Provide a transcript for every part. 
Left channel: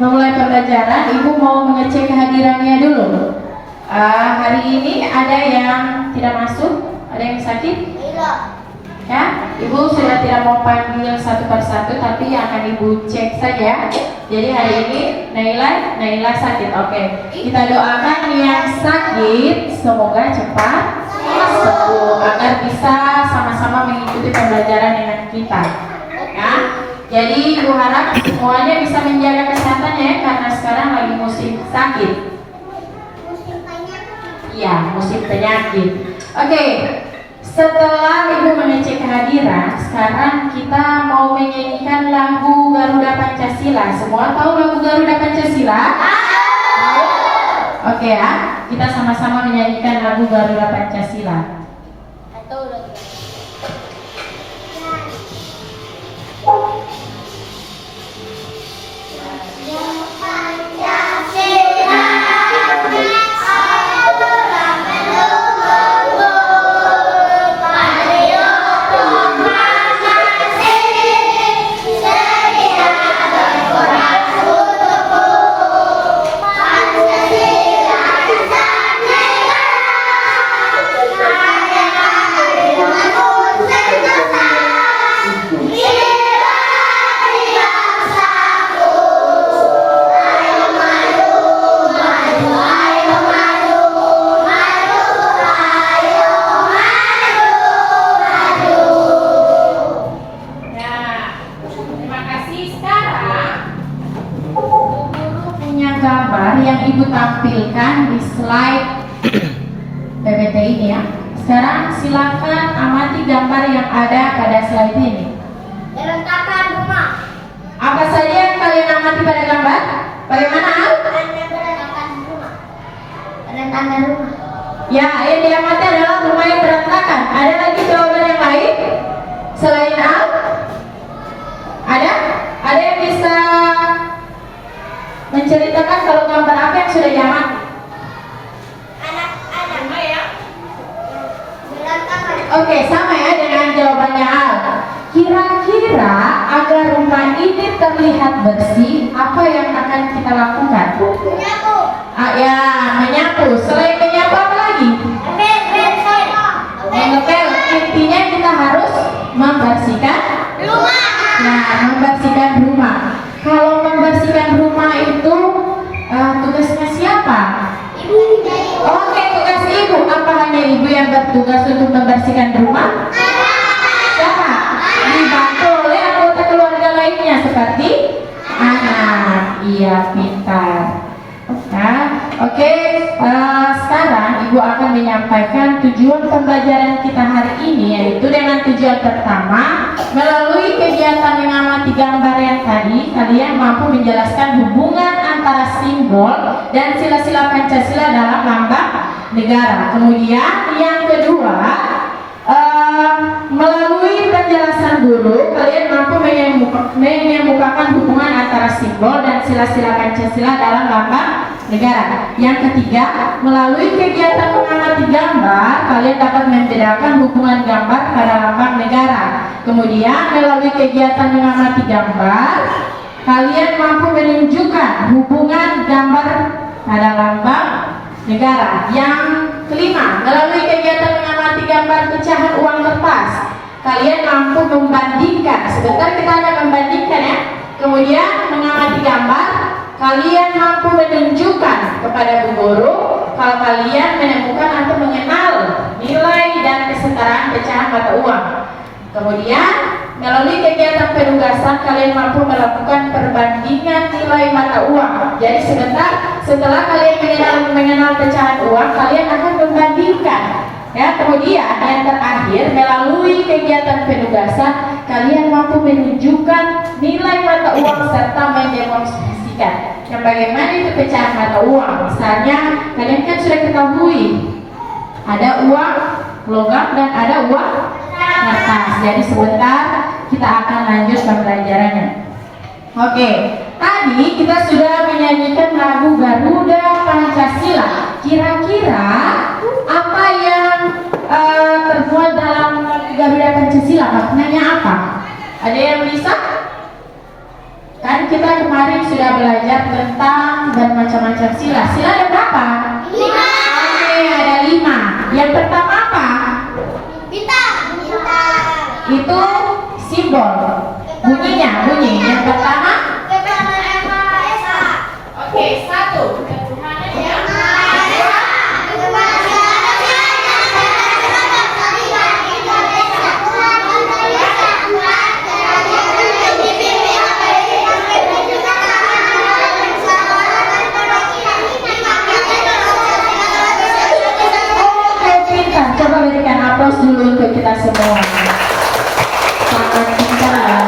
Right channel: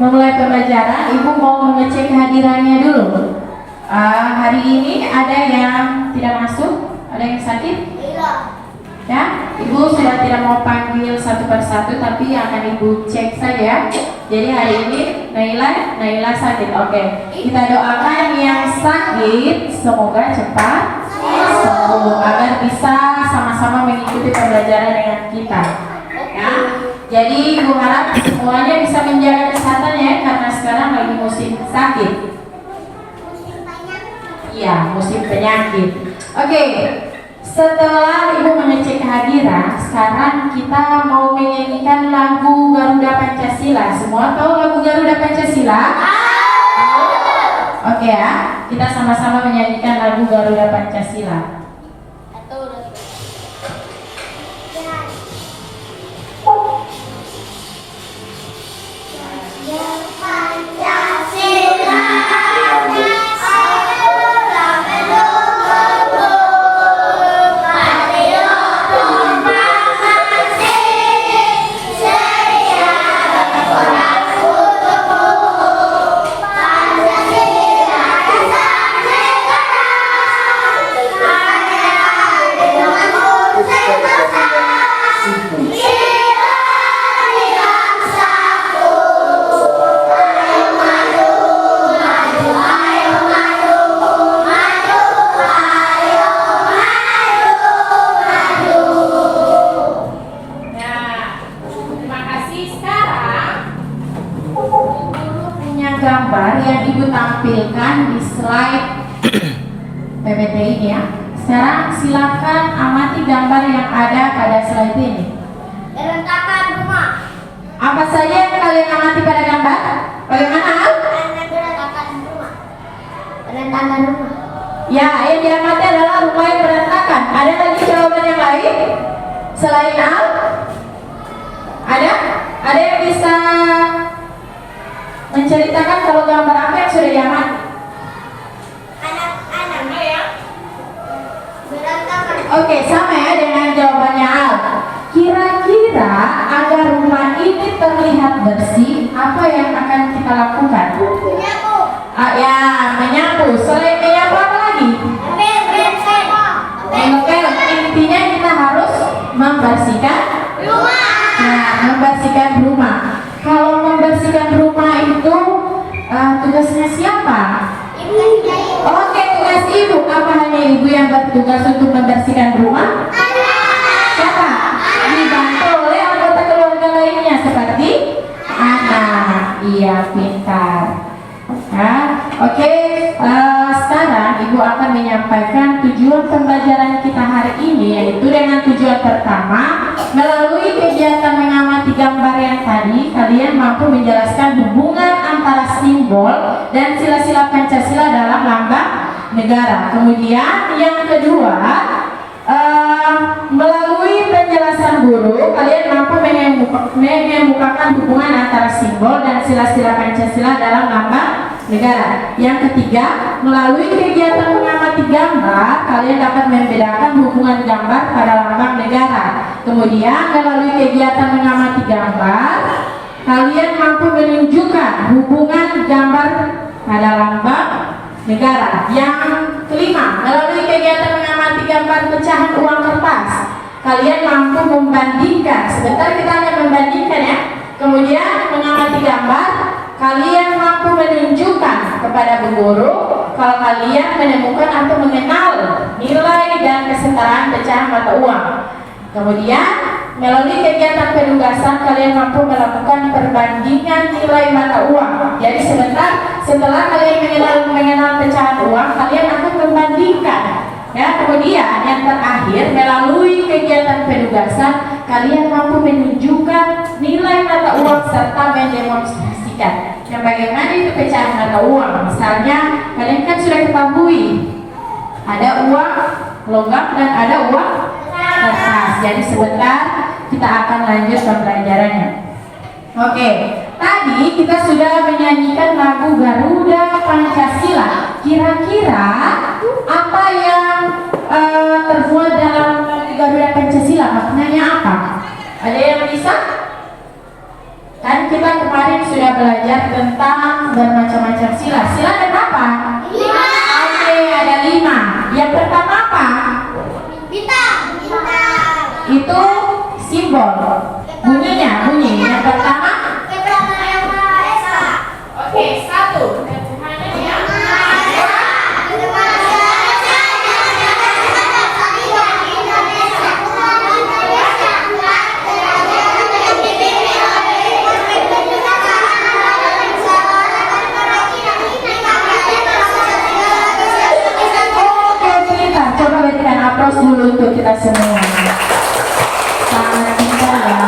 memulai pembelajaran, Ibu mau mengecek kehadirannya dulu. Hari ini ada yang tidak masuk? Ada yang sakit? Iya. Ya, Ibu sudah tidak mau panggil satu persatu, tapi akan Ibu cek saja. Jadi hari ini Naila sakit. Oke, kita doakan yang sakit semoga cepat sembuh agar bisa sama-sama mengikuti pembelajaran dengan kita. Ya, jadi Ibu harap semuanya bisa menjaga kesehatannya ya, karena sekarang lagi musim sakit. Iya, musim penyakit. Oke. Setelah Ibu mengecek kehadiran, sekarang kita mau menyanyikan lagu Garuda Pancasila. Semua tahu lagu Garuda Pancasila? Oke ya, kita sama-sama menyanyikan lagu Garuda Pancasila. Gambar yang Ibu tampilkan di slide PPT ini ya. Sekarang silakan amati gambar yang ada pada slide ini. Rentakan rumah. Apa saja yang kalian amati pada gambar? Bagaimana? Rentakan rumah. Rentakan rumah. Ya, yang diamati adalah rumah yang berantakan. Ada lagi jawaban yang lain selain A? Ada? Ada yang bisa menceritakan kalau gambar apa yang sudah diamati? Anak-anak ya. Berantakan. Oke, sama ya dengan jawabannya Al. Kira-kira agar rumah ini terlihat bersih, apa yang akan kita lakukan? Menyapu. Ya, menyapu. Selain menyapu apa lagi? Mengepel. Intinya kita harus membersihkan Rumah. Nah, membersihkan rumah. Kalau membersihkan rumah itu tugasnya siapa? Oke, tugas Ibu. Apa hanya Ibu yang bertugas untuk membersihkan rumah? Siapa? Dibantu oleh anggota keluarga lainnya seperti anak. Iya, pintar. Ya, oke. Sekarang Ibu akan menyampaikan tujuan pembelajaran kita hari ini, yaitu dengan tujuan pertama, melalui kegiatan mengamati gambar yang tadi, kalian mampu menjelaskan hubungan antara simbol dan sila-sila Pancasila dalam lambang negara. Kemudian yang kedua, melalui penjelasan guru, kalian mampu mengemukakan hubungan antara simbol dan sila-sila Pancasila dalam lambang negara. Yang ketiga, melalui kegiatan mengamati gambar, kalian dapat membedakan hubungan gambar pada lambang negara. Kemudian, melalui kegiatan mengamati gambar, kalian mampu menunjukkan hubungan gambar pada lambang negara. Yang kelima, melalui kegiatan mengamati gambar pecahan uang kertas, kalian mampu membandingkan. Sebentar kita akan membandingkan ya. Kemudian mengamati gambar, kalian mampu menunjukkan kepada Bu Guru kalau kalian menemukan atau mengenal nilai dan kesetaraan pecahan mata uang. Kemudian melalui kegiatan penugasan, kalian mampu melakukan perbandingan nilai mata uang. Jadi setelah kalian mengenal pecahan uang, kalian akan membandingkan. Ya, kemudian yang terakhir, melalui kegiatan penugasan, kalian mampu menunjukkan nilai mata uang serta mendemonstrasikan yang bagaimana itu pecahan mata uang. Misalnya, kalian kan sudah ketahui ada uang logam dan ada uang kertas. Jadi sebentar kita akan lanjut pembelajarannya. Oke, tadi kita sudah menyanyikan lagu Garuda Pancasila. Kira-kira apa yang terbuat dalam lagu Garuda Pancasila? Maknanya apa? Ada yang bisa? Kan kita kemarin sudah belajar tentang bermacam-macam sila. Sila ada berapa? 5. Oke, ada 5. Yang pertama apa? Bintang. Itu simbol. Bunyi. Yang pertama? Ketuhanan Yang Maha Esa. Oke, 1. Ketuhanan yang Oke, pintar. Coba berikan aplaus dulu untuk kita semua. Sangat pintar ya.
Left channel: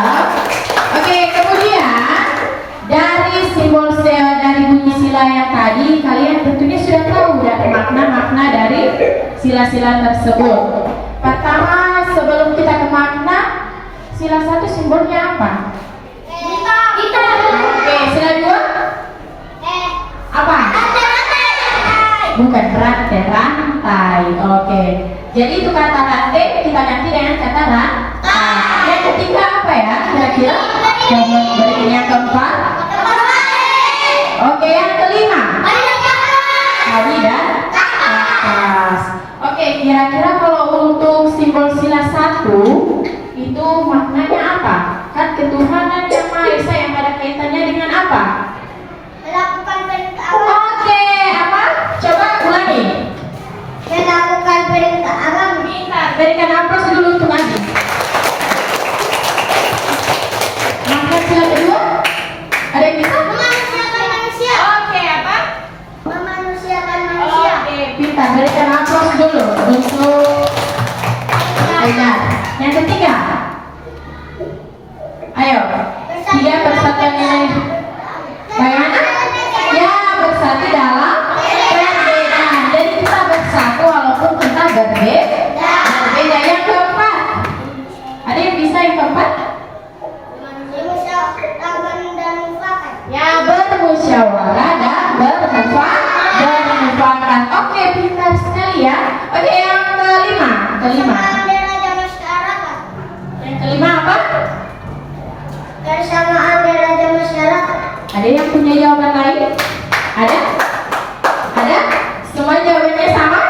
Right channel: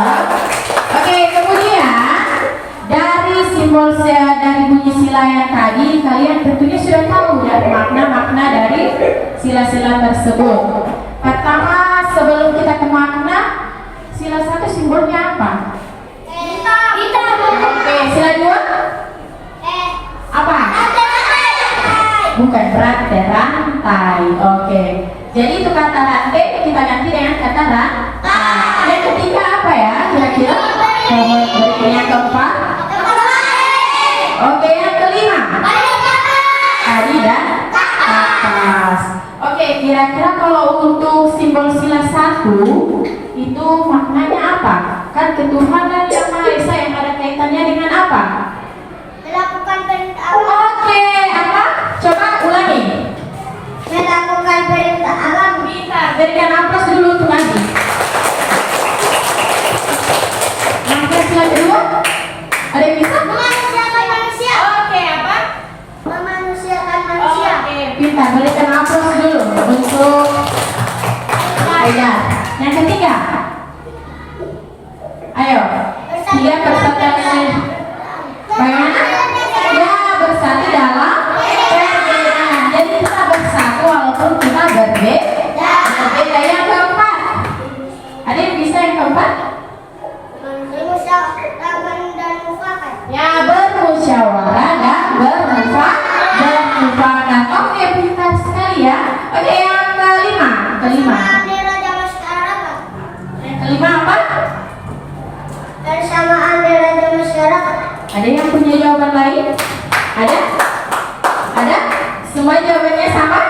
Oke, kemudian dari simbol dari bunyi sila yang tadi, kalian tentunya sudah tahu dari makna-makna dari sila-sila tersebut. Pertama, sebelum kita ke makna, sila 1 simbolnya apa? Oke, sila 2 apa? Bukan rantai. Oke. Jadi itu kata rantai kita ganti dengan kata rantai. Yang ketiga apa ya? Kira-kira? Yang keempat? Oke, yang kelima? Tadi dan atas. Oke, kira-kira kalau untuk simbol sila 1 itu maknanya apa? Kan ketuhanan Yang Maha Esa yang ada kaitannya dengan apa? Melakukan perintah Allah. Oke, apa? Coba ulangi. Melakukan perintah Allah. Pintar, berikan aplaus dulu untuk Nabi. Maka sila kedua, ada yang bisa? Memanusiakan manusia. Oke, apa? Memanusiakan manusia. Oke, pintar, berikan aplaus dulu untuk Aida. Yang ketiga, ayo, dia bersatu dengan bagaimana? Ya, bersatu dalam perbedaan. Jadi kita bersatu walaupun kita berbeda. Yang keempat, ada yang bisa yang keempat? Musyawarah dan mufakat. Ya, bermusyawarah dan bermufakat. Oke, pintar sekali ya. Oke, yang kelima. Persamaan deraja masyarakat. Yang kelima apa? Persamaan deraja masyarakat. Ada yang punya jawaban lain? Ada? Ada? Semua jawabannya sama?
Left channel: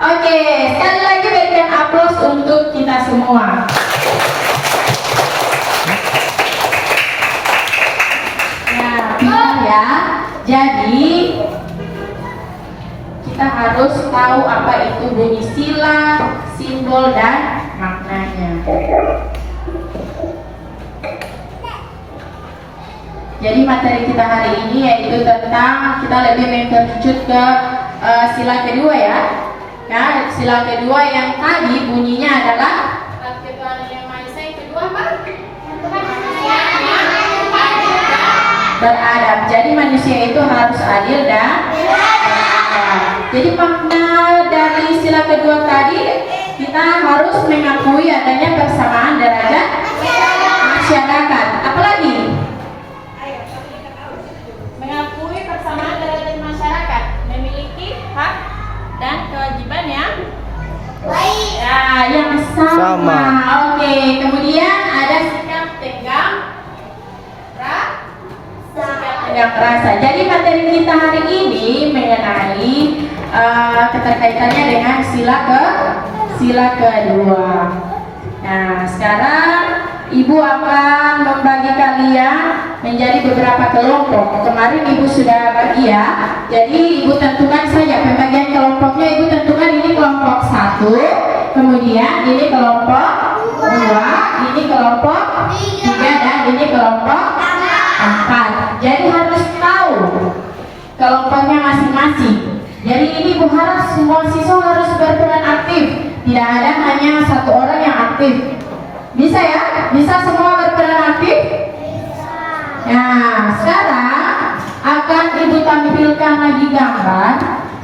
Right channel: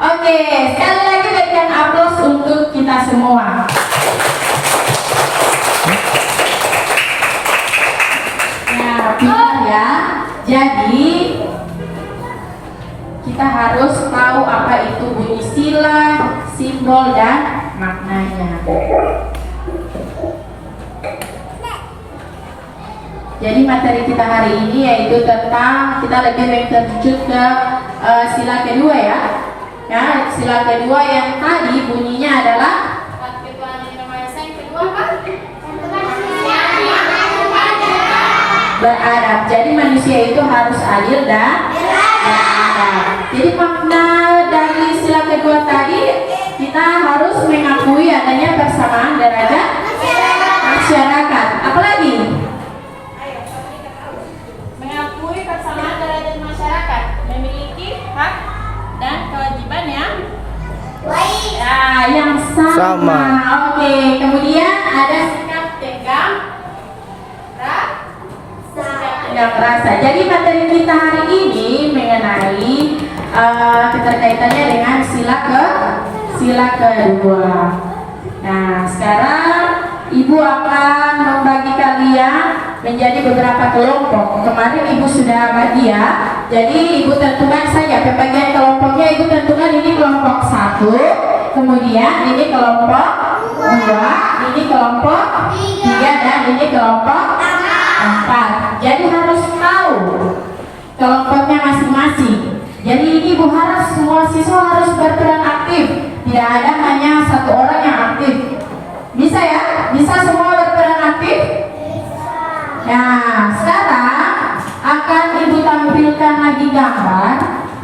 Oke, sekali lagi berikan aplaus untuk kita semua. Ya, pintar ya. Jadi kita harus tahu apa itu bunyi sila, simbol, dan maknanya. Jadi materi kita hari ini yaitu tentang kita lebih menterjut ke sila kedua ya. Ya, sila kedua yang tadi bunyinya adalah ketuhanan Yang Maha Esa. Yang kedua apa? Beradab. Jadi manusia itu harus adil dan beradab. Jadi makna dari sila kedua tadi kita harus mengakui adanya persamaan derajat masyarakat. Apalagi? Mengakui persamaan derajat masyarakat, memiliki hak dan kewajiban yang yang sama. Oke, kemudian ada sikap tegang rasa. Jadi materi kita hari ini mengenai keterkaitannya dengan sila kedua. Nah, sekarang Ibu akan membagi kalian menjadi beberapa kelompok. Kemarin Ibu sudah bagi ya. Jadi Ibu tentukan saja pembagian kelompoknya. Ibu tentukan ini kelompok 1, kemudian ini kelompok 2, ini kelompok 3, dan ini kelompok 4. Jadi harus tahu kelompoknya masing-masing. Jadi ini Ibu harap semua siswa harus berperan aktif. Tidak ada hanya satu orang yang aktif. Bisa ya? Bisa semua berperan aktif? Nah, sekarang akan Ibu tampilkan lagi gambar.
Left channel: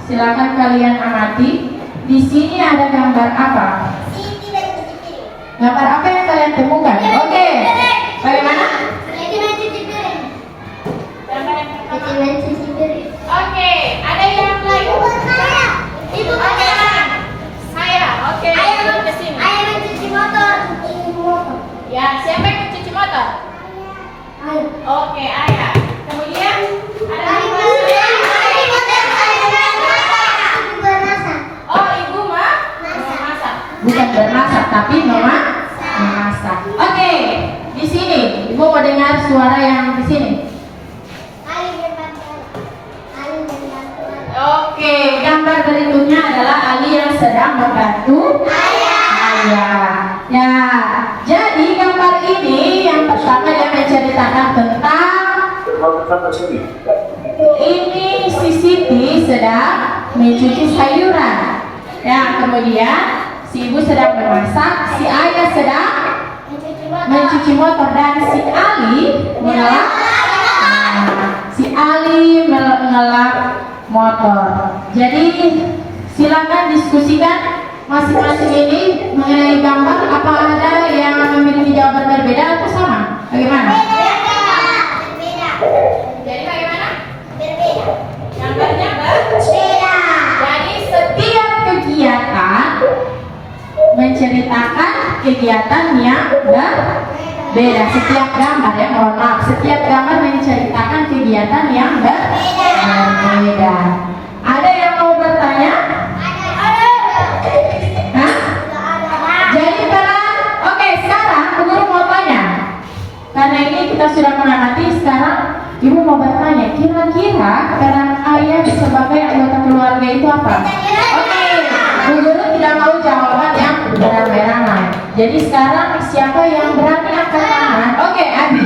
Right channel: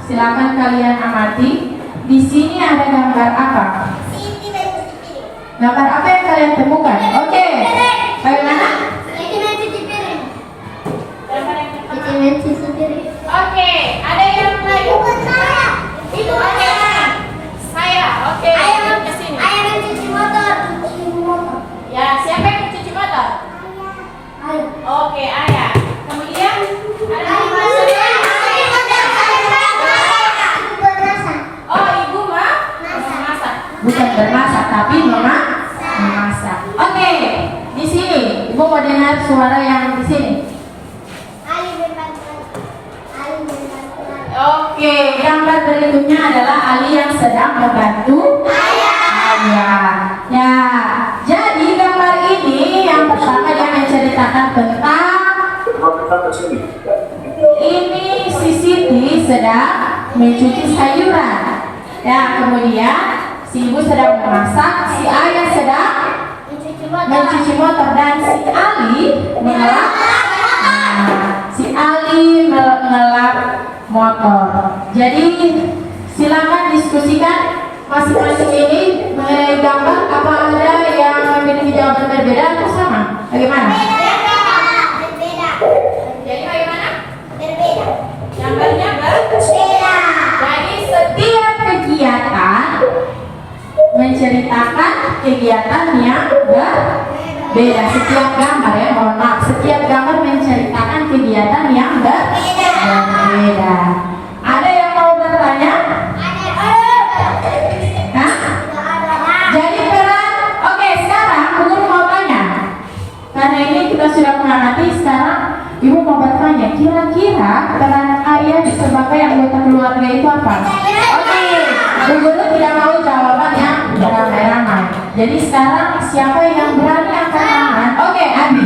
Silakan kalian amati. Di sini ada gambar apa? Gambar apa yang kalian temukan? Oke. Bagaimana? Gambar yang pertama. Oke, ada yang lain? Itu Oke, saya. Oke, ke sini. ayah mencuci motor. Ya, siapa yang mencuci motor? Ayo. Oke, ayah. Kemudian ada apa? Oh, ibu memasak. Bukan bermasak, tapi memasak. Oke, di sini ibu mau dengar suara yang di sini. Oke, gambar berikutnya adalah Ali yang sedang membantu ayah. Ya, jadi gambar ini yang pertama dia menceritakan tentang ini si Siti sedang mencuci sayuran. Ya, kemudian si ibu sedang memasak, si ayah sedang mencuci motor dan si Ali mengelak. Si Ali mengelak motor. Jadi silakan diskusikan masing-masing ini mengenai gambar. Apa ada yang memiliki jawaban berbeda atau sama? Bagaimana? Jadi bagaimana? Gambarnya berbeda. Jadi setiap kegiatan menceritakan kegiatan yang berbeda. Setiap gambar ya, mohon maaf, setiap gambar menceritakan kegiatan yang berbeda. Ada yang mau bertanya? Hah? Jadi peran, oke, sekarang guru mau tanya. Karena ini kita sudah mengamati, sekarang ibu mau bertanya, kira-kira peran ayah sebagai anggota keluarga itu apa? Oke, Bu Guru tidak mau jawaban yang beramai-ramai. Jadi sekarang siapa yang berani angkat tangan? Oke, Abi.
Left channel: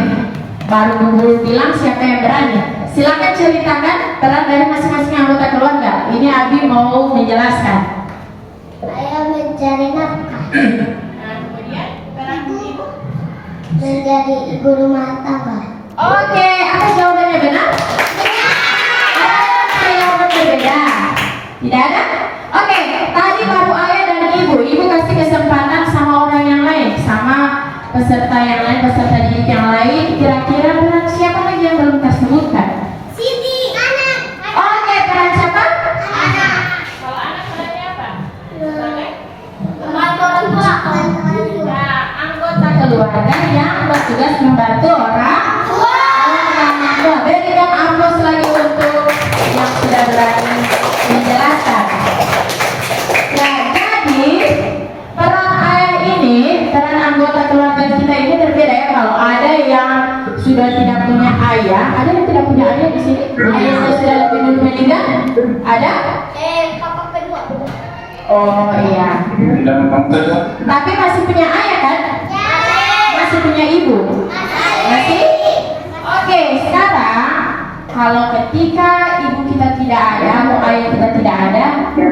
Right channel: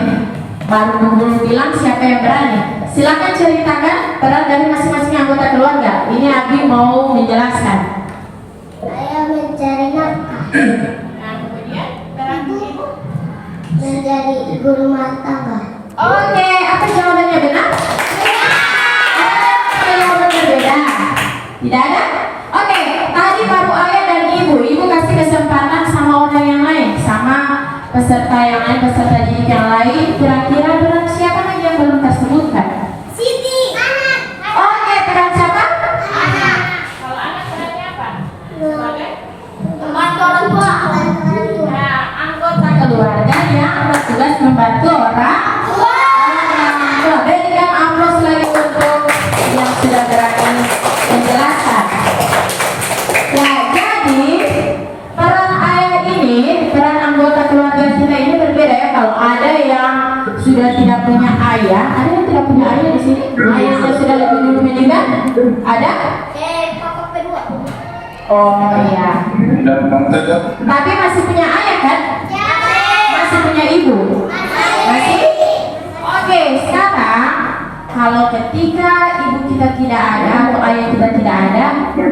Baru Bu Guru bilang siapa yang berani. Silakan ceritakan peran dari masing-masing anggota keluarga. Ini Abi mau menjelaskan. Ayah mencari nafkah, Nah, kemudian peran ibu. menjadi ibu rumah tangga. Oke, apa jawabannya benar? Ada jawaban berbeda? Tidak ada? Oke, tadi baru ayah dan ibu. Ibu kasih kesempatan sama orang yang lain, sama peserta yang lain, peserta didik yang lain. Kira-kira peran siapa lagi yang belum tersebutkan? Siti, anak. Oke, peran siapa? Anak. Kalau anak perannya apa? Sebagai Membantu orang tua. nah, anggota keluarga yang bertugas membantu orang tua. Berikan aplaus lagi untuk yang sudah berani menjelaskan. Ya, jadi peran ayah ini, peran anggota keluarga kita ini berbeda ya. Kalau ada yang sudah tidak punya ayah, ada yang tidak punya ayah di sini. Ayah yang sudah lebih dulu meninggal, ada? Papa kedua. Oh iya. Tapi masih punya ayah kan? Masih punya ibu? Masih? Oke, sekarang kalau ketika ibu kita tidak ada atau ayah kita tidak ada,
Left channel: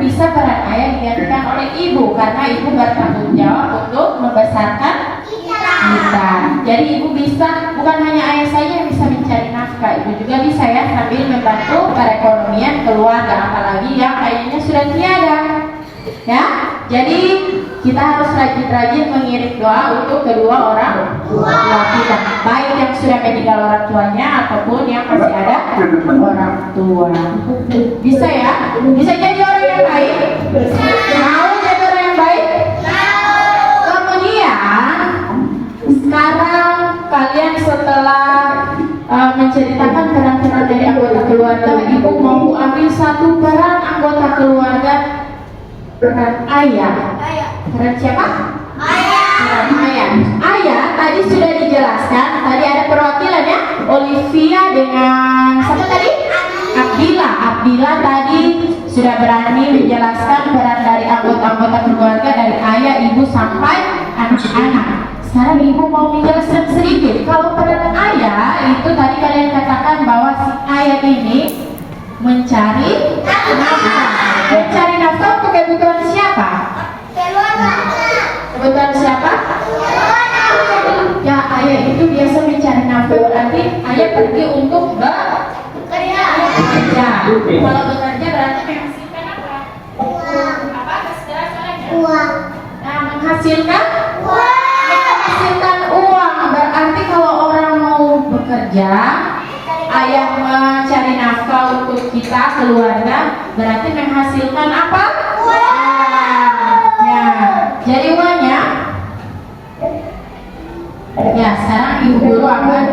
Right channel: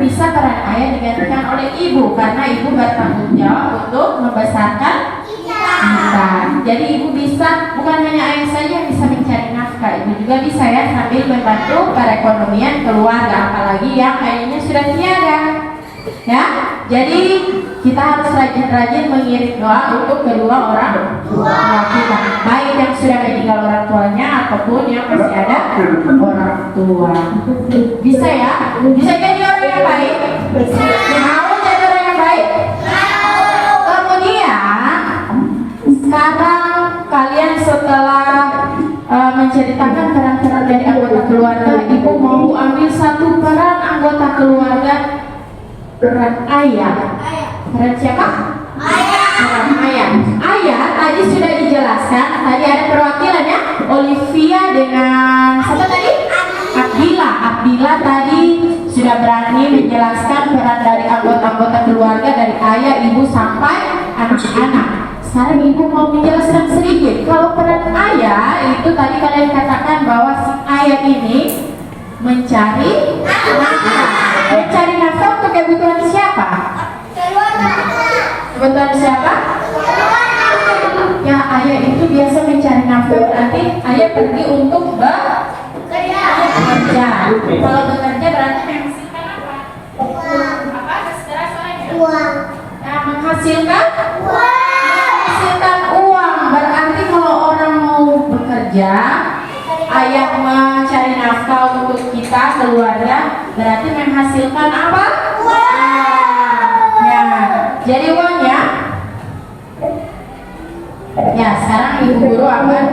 bisa peran ayah digantikan oleh ibu karena ibu bertanggung jawab untuk membesarkan kita. Jadi ibu bisa, bukan hanya ayah saja yang bisa mencari nafkah, ibu juga bisa ya sambil membantu perekonomian keluarga, apalagi yang ayahnya sudah tiada. Ya, jadi kita harus rajin-rajin mengirim doa untuk kedua orang tua kita, baik yang sudah meninggal orang tuanya ataupun yang masih ada orang tua. Bisa ya? Bisa jadi orang yang baik? Mau jadi orang yang baik? Kemudian sekarang kalian setelah menceritakan peran-peran dari anggota keluarga, ibu mau ambil satu peran anggota keluarga. Peran ayah. Peran siapa? Peran ayah. Ayah tadi sudah dijelaskan. Tadi ada perwakilannya, Olivia dengan siapa tadi? Abdillah. Abdillah tadi sudah berani menjelaskan peran dari anggota-anggota keluarga, dari ayah, ibu sampai anak-anak. Sekarang ibu mau menjelaskan sedikit. Kalau peran ayah itu tadi kalian katakan bahwa si ayah ini mencari nafkah. Mencari nafkah untuk kebutuhan siapa? Kebutuhan siapa? Ya, ayah itu biasa mencari nafkah, berarti ayah pergi untuk bekerja. Kalau bekerja berarti menghasilkan apa? Apa? Istilah soalnya? Uang. Nah, menghasilkan uang. Berarti kalau orang mau bekerja, ayah mencari nafkah untuk kita keluarga, berarti menghasilkan apa? Ya, jadi uangnya. Ya, sekarang ibu guru akan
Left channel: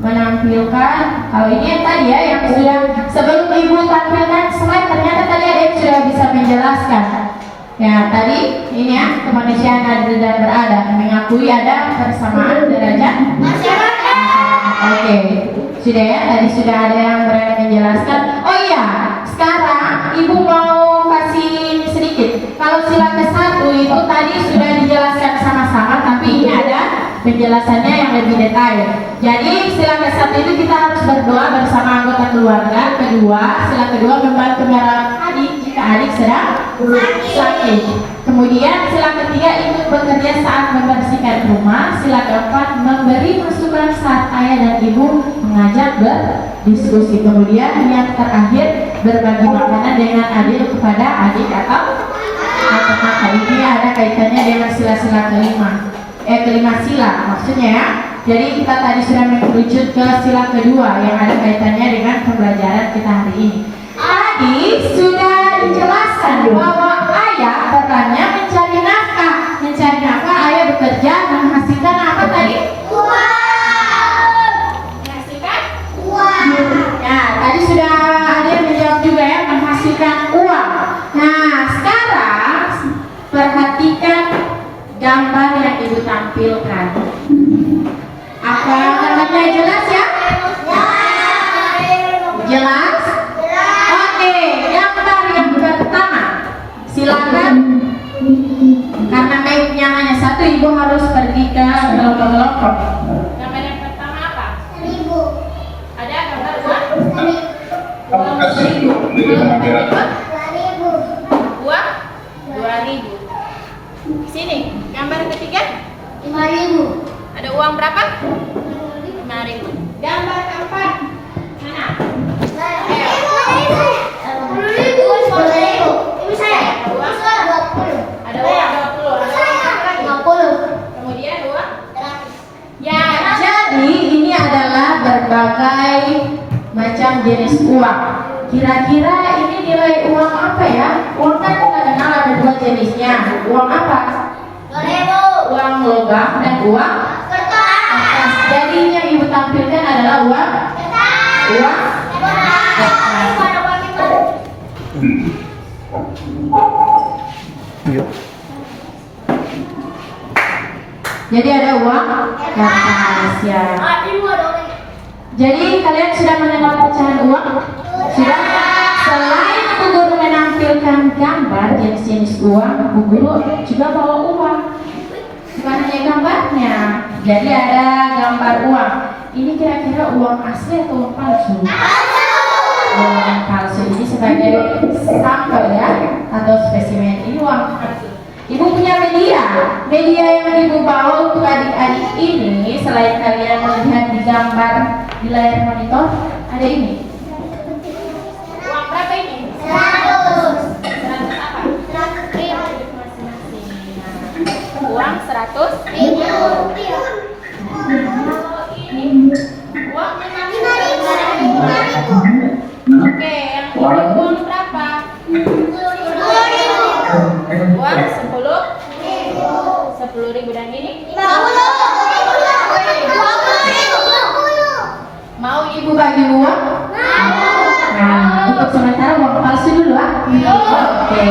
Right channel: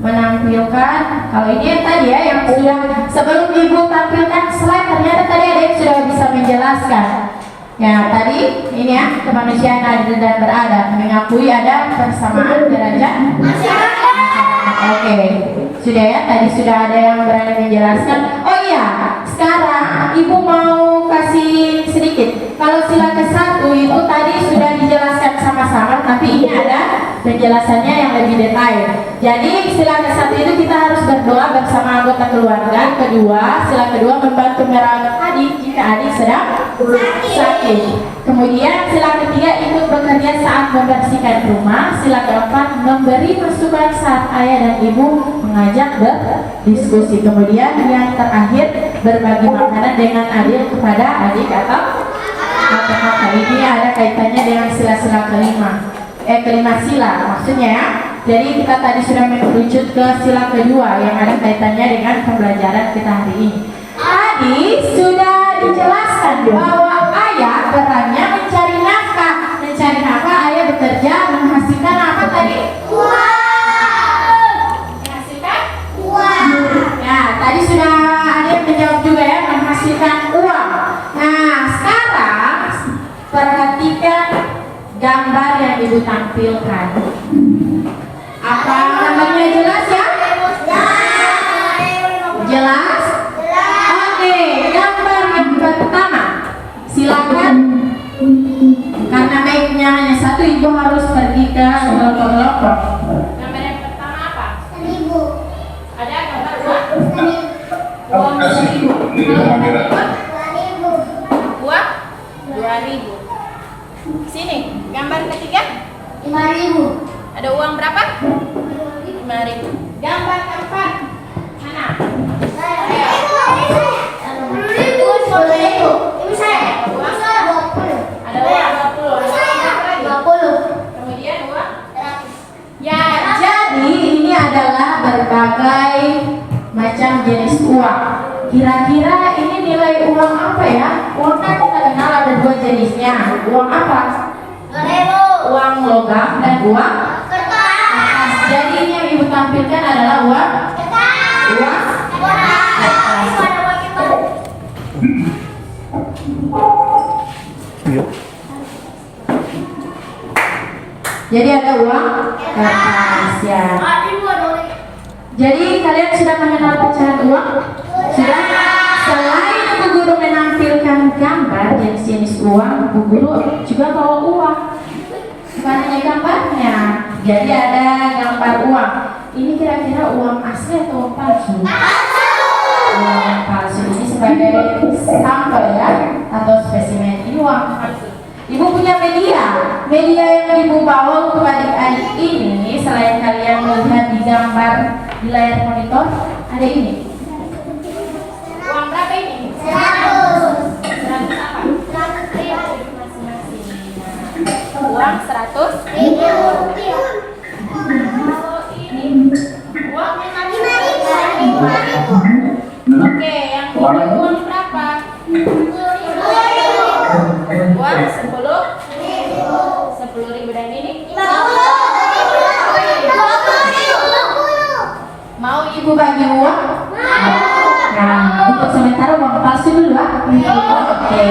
menampilkan. Kalau ini yang tadi ya, yang sudah sebelum ibu tampilkan slide, ternyata tadi ada yang sudah bisa menjelaskan. Ya tadi ini ya, kemanusiaan adil dan beradab, mengakui ada persamaan derajat masyarakat. Oke, sudah ya, tadi sudah ada yang berani menjelaskan. Oh iya, sekarang ibu mau kasih sedikit. Kalau sila ke-1 itu tadi sudah dijelaskan sama-sama, tapi ini ada penjelasannya yang lebih detail. Jadi sila ke-1 itu kita harus berdoa bersama anggota keluarga. Kedua, sila kedua membantu merawat adik jika adik sedang sakit. Kemudian sila ketiga itu bekerja saat membersihkan rumah. Sila keempat memberi masukan saat ayah dan ibu mengajak berdiskusi. Kemudian yang terakhir berbagi makanan dengan adil kepada adik atau kakak. Ini ada kaitannya dengan sila-sila kelima sila maksudnya ya. Jadi kita tadi sudah merujuk ke sila kedua yang ada kaitannya dengan pembelajaran kita hari ini. Tadi sudah dijelaskan bahwa ayah perannya mencari nafkah. Mencari nafkah, ayah bekerja menghasilkan apa tadi? Uang. Menghasilkan Uang. ya, tadi sudah ada yang menjawab juga ya, menghasilkan uang. Nah, sekarang perhatikan gambar yang ibu tampilkan. Apa namanya, jelas ya? Jelas? Oke, gambar yang pertama. Silakan. Karena mic-nya hanya satu, ibu harus pergi ke kelompok-kelompok. Gambar yang pertama apa? 1000. Ada gambar uang? 1000. Uang 1000. Kalau berikut 2000. uang 2000. Sini, gambar ketiga 5000. ada uang berapa? 5000. Gambar keempat mana? 10.000. Ini saya. Uang 20. ada uang 20. Ada uang lagi. 50. Kemudian uang 100. ya, jadi ini adalah berbagai macam jenis uang. Kira-kira ini nilai uang apa ya? Uang kan kita kenal ada dua jenisnya. Uang apa? 2000. Uang logam dan uang Kertas. jadi ini yang ibu tampilkan adalah uang Kertas. uang jadi ada uang kertas ya. Jadi kalian sudah mengenal pecahan uang? Sudah? Selain Bu Guru menampilkan gambar jenis-jenis uang, Bu Guru juga bawa uang. Bukan hanya gambarnya. Jadi ada gambar uang. Ini kira-kira uang asli atau uang palsu? Uang palsu ini sebagai sampel ya, atau spesimen. Ini uang palsu. Ibu punya media yang ibu bawa untuk adik-adik ini. Selain kalian melihat di gambar di layar monitor, ada ini. Uang berapa ini? 100. 100 apa? 100.000. Masing-masing. Nah, uang 100. Kalau ini uang 5.000. Oke, yang ini uang berapa? Uang 10.000 dan ini? 20. Mau ibu bagi uang? Nah, untuk sementara uang palsu dulu ah. Oke,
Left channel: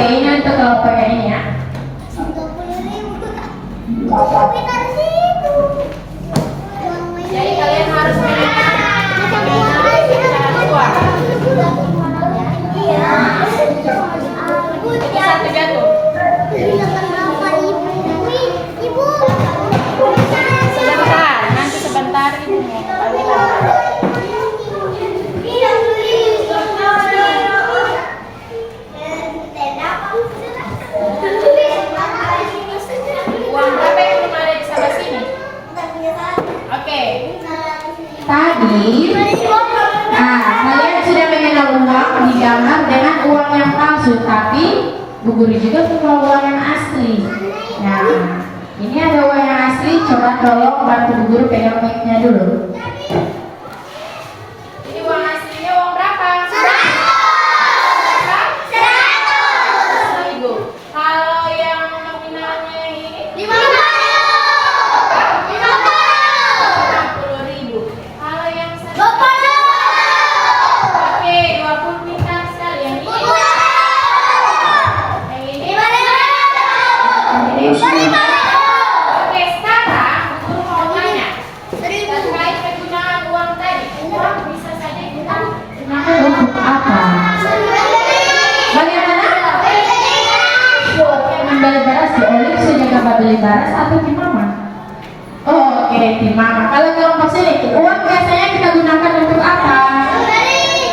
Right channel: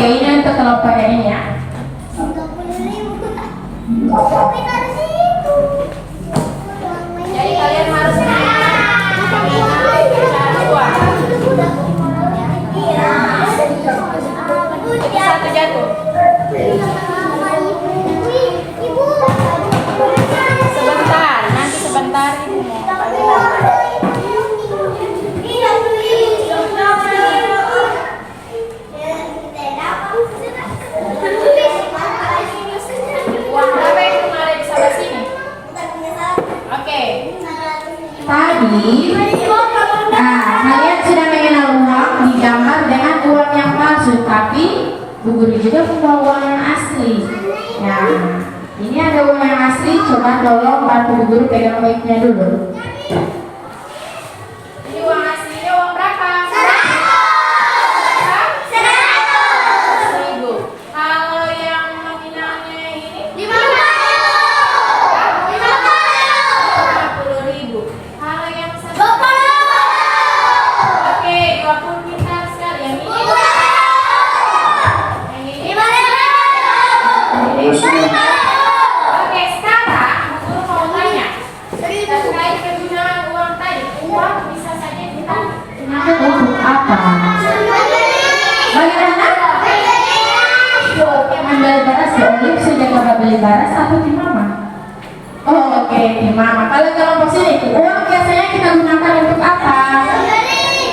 ini untuk kelompok yang ini ya. 30.000. Jadi kalian harus mengenal pecahan uang. Itu satu jatuh. Sebentar, nanti sebentar ibu mau bagi lagi. Uang berapa yang pernah ada di sebelah sini? Oke. Tadi, kalian sudah mengenal uang digambar dengan uang yang palsu, tapi Bu Guru juga punya uang yang asli. Nah, ini ada uang yang asli. Coba tolong bantu Bu Guru pegang mic-nya dulu. Ini uang aslinya uang berapa? 100.000. Kalau yang nominalnya ini 50.000. Daras atau tim mama? Oh, oke, tim mama. Kalau kelompok sini, uang biasanya kita gunakan untuk apa?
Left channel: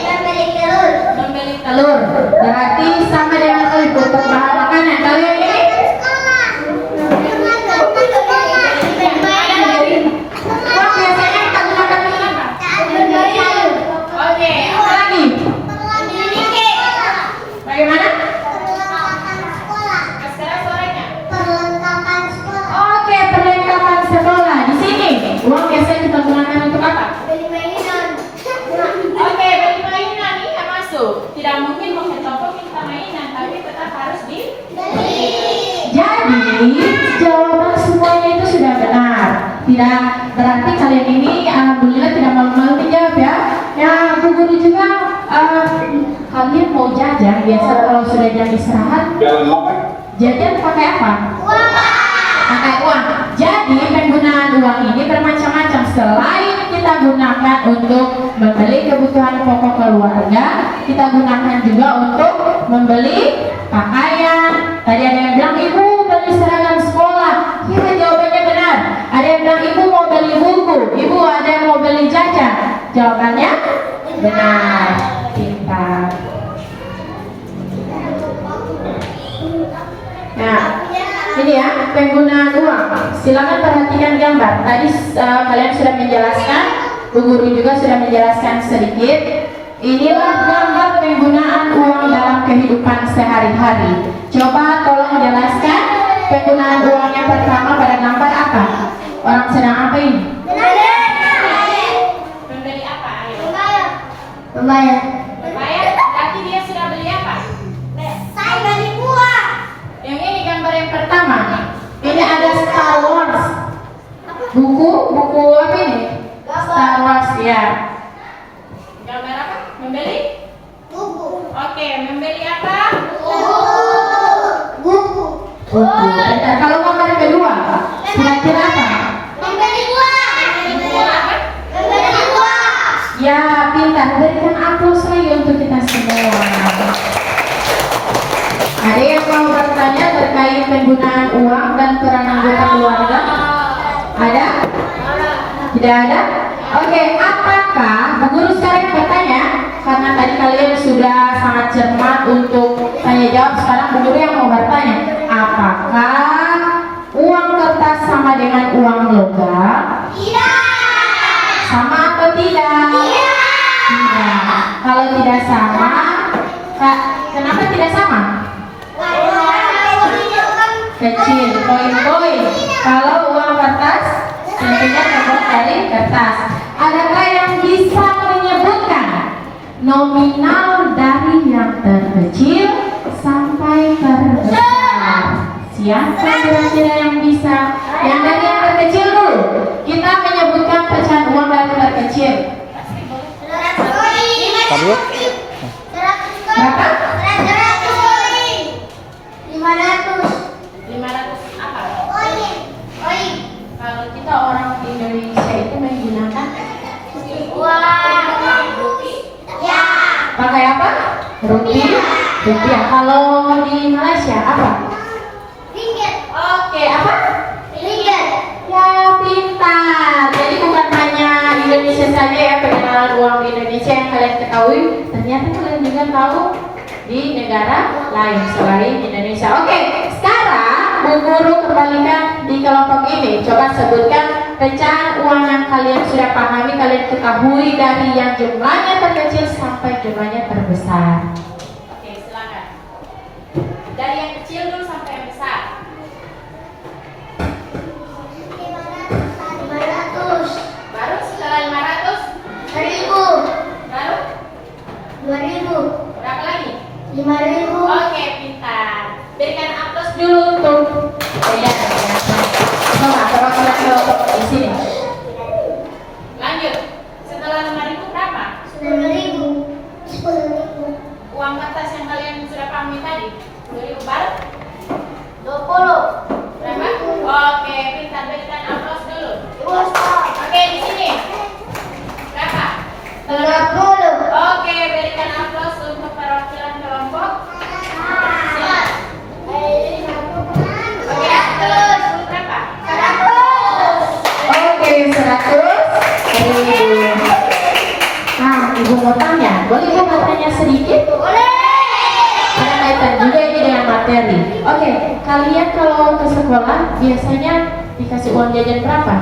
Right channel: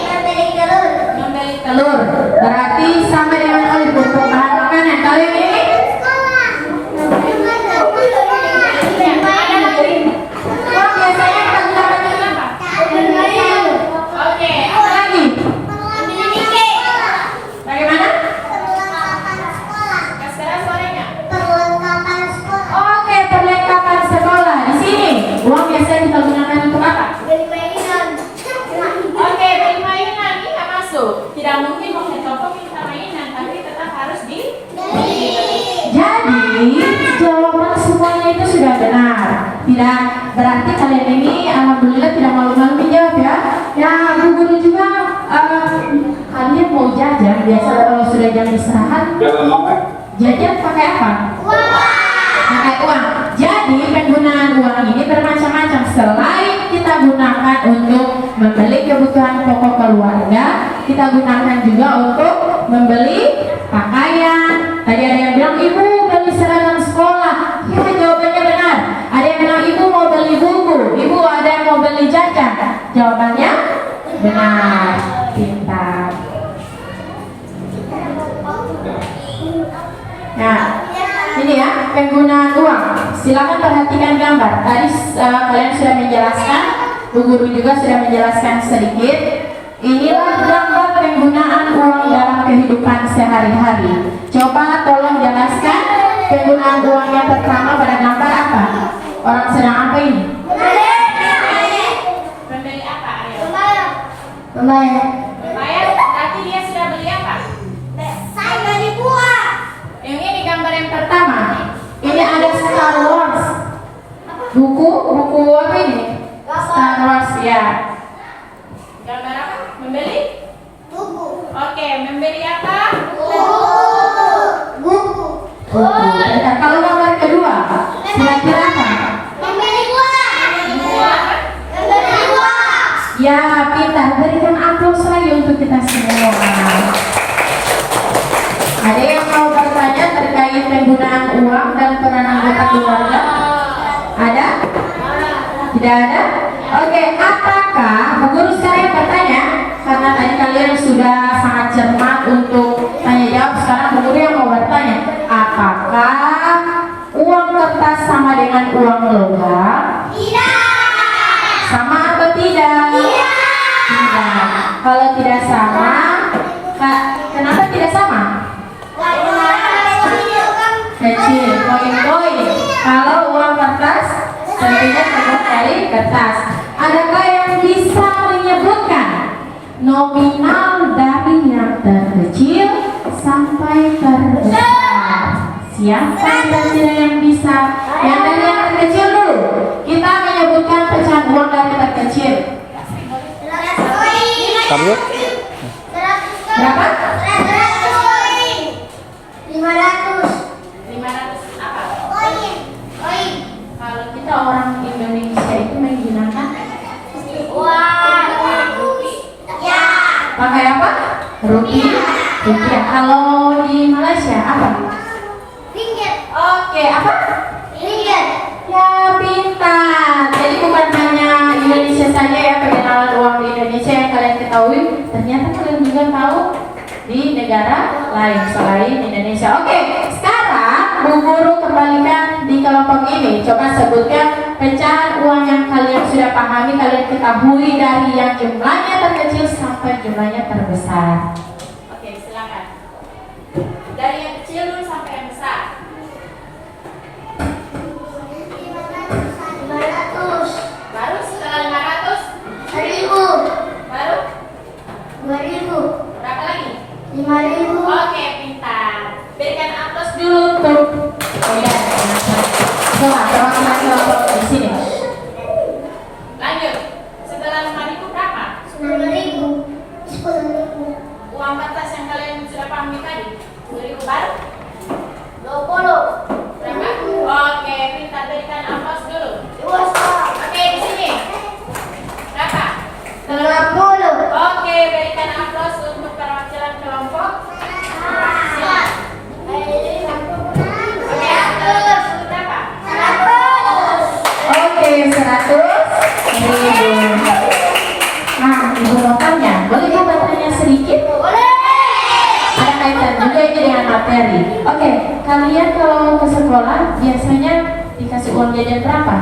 Membeli telur. Membeli telur. Berarti sama dengan untuk bahan makanan. Kalian ini? Sekolah. Uang biasanya kita gunakan untuk apa? Oke, apa lagi? Bagaimana? Sekarang suaranya. Oke, perlengkapan sekolah. Di sini, uang biasanya kita gunakan untuk apa? Oke, beli mainan ini nggak masuk. Tidak mungkin mau toko minta mainan, tapi tetap harus di. Jadi jawaban semuanya itu sudah benar. Tidak berarti kalian ini alhamdulillah tidak malu-malu menjawab ya. Ya, Bu Guru juga kalian mau jajan biasa kalau sudah jam istirahat. Jajan pakai apa? Pakai uang. Jadi penggunaan uang ini bermacam-macam. Selain kita gunakan untuk membeli kebutuhan pokok keluarga, kita gunakan juga untuk membeli pakaian. Tadi ada yang bilang ibu beli seragam sekolah. Ya, jawabannya benar. Ada yang bilang ibu mau beli buku, ibu ada yang mau beli jajan. Jawabannya benar. Pintar. Nah, ini ya penggunaan uang. Silakan perhatikan gambar. Tadi kalian sudah menjelaskan, Bu Guru juga sudah menjelaskan sedikit. Inilah gambar penggunaan uang dalam kehidupan sehari-hari. Coba tolong jelaskan penggunaan uang yang pertama pada gambar apa? Orang sedang apa ini? Membeli apa? Ayo. Membayar. Membayar. Berarti dia sudah beli apa? Saya beli buah. Yang ini gambar yang pertama. Ini ada Star Wars. Buku apa ini? Star Wars ya. Gambar apa? Membeli? Buku. Oke, membeli apa? Buku. Buku. Dan kalau gambar kedua, kira-kira apa? Membeli buah. Membeli buah. Ya, pintar. Berikan aplaus lagi untuk kita semua. Ada yang mau bertanya terkait penggunaan uang dan peran anggota keluarga? Ada? Tidak ada? Oke, apakah Bu Guru sekarang bertanya? Karena tadi kalian sudah sangat cermat untuk tanya jawab. Sekarang Bu Guru yang mau bertanya, apakah uang kertas sama dengan uang logam? Tidak. Sama atau tidak? Tidak. Kalau tidak sama, kenapa tidak sama? Kecil, koin-koin. Kalau uang kertas, tentunya terbuat dari kertas. Adakah yang bisa menyebutkan nominal dari yang terkecil sampai terbesar? Siapa kira-kira yang bisa? Yang dari yang terkecil dulu. Kita menyebutkan pecahan uang dari terkecil. Kamu? Berapa? 500 500 apa? koin. Kalau kita orang Indonesia itu menggunakan Uang. Ya. pakai apa? Rupiah. Kalau di Malaysia apa? Ringgit. Oke, apa? Ringgit. Ya, pintar. Jadi bukan hanya Indonesia saja ya pengenalan uang di Indonesia yang kalian ketahui. Ternyata kalian juga tahu di negara lain selain Indonesia. Oke, sekarang Bu Guru kembalikan di kelompok ini. Coba sebutkan pecahan uang yang kalian sudah pahami, kalian ketahui dari yang jumlahnya terkecil sampai jumlahnya terbesar. Oke, silakan. Dari yang kecil dulu sampai yang besar. 500. Baru setelah 500, 1000. baru 2000. berapa lagi? 5000. Oke, pintar. Berikan aplaus dulu untuk coba perwakilan kelompok di sini. Lanjut. Setelah 5.000 berapa? 9000. 10.000. Uang kertas yang kalian sudah pahami tadi. 2.000 baru? 20. Berapa? Oke, pintar. Berikan aplaus dulu. Dewasa. Oke, di sini. Berapa? 50. Oke, berikan aplaus untuk perwakilan kelompok Ibu mau tanya, boleh Ibu bertanya sedikit? Boleh. Ada kaitan juga ini dengan materi. Oke, kalian kalau ke sekolah biasanya dikasih uang jajan berapa?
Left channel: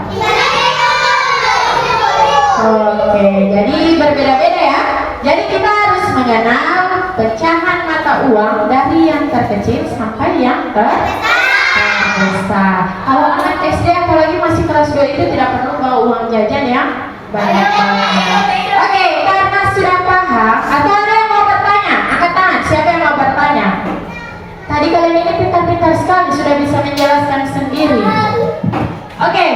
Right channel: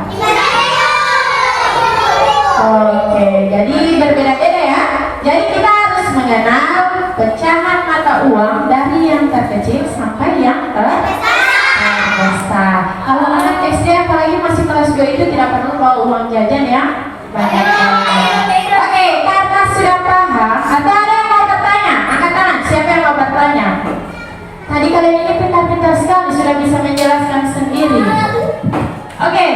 Oke, jadi berbeda-beda ya. Jadi kita harus mengenal pecahan mata uang dari yang terkecil sampai yang terbesar. Kalau anak SD apalagi masih kelas 2 itu tidak perlu bawa uang jajan ya. Banyak banget. Oke, karena sudah paham, atau ada yang mau bertanya? Angkat tangan, siapa yang mau bertanya? Tadi kalian ini pintar-pintar sekali, sudah bisa menjelaskan sendiri. Oke,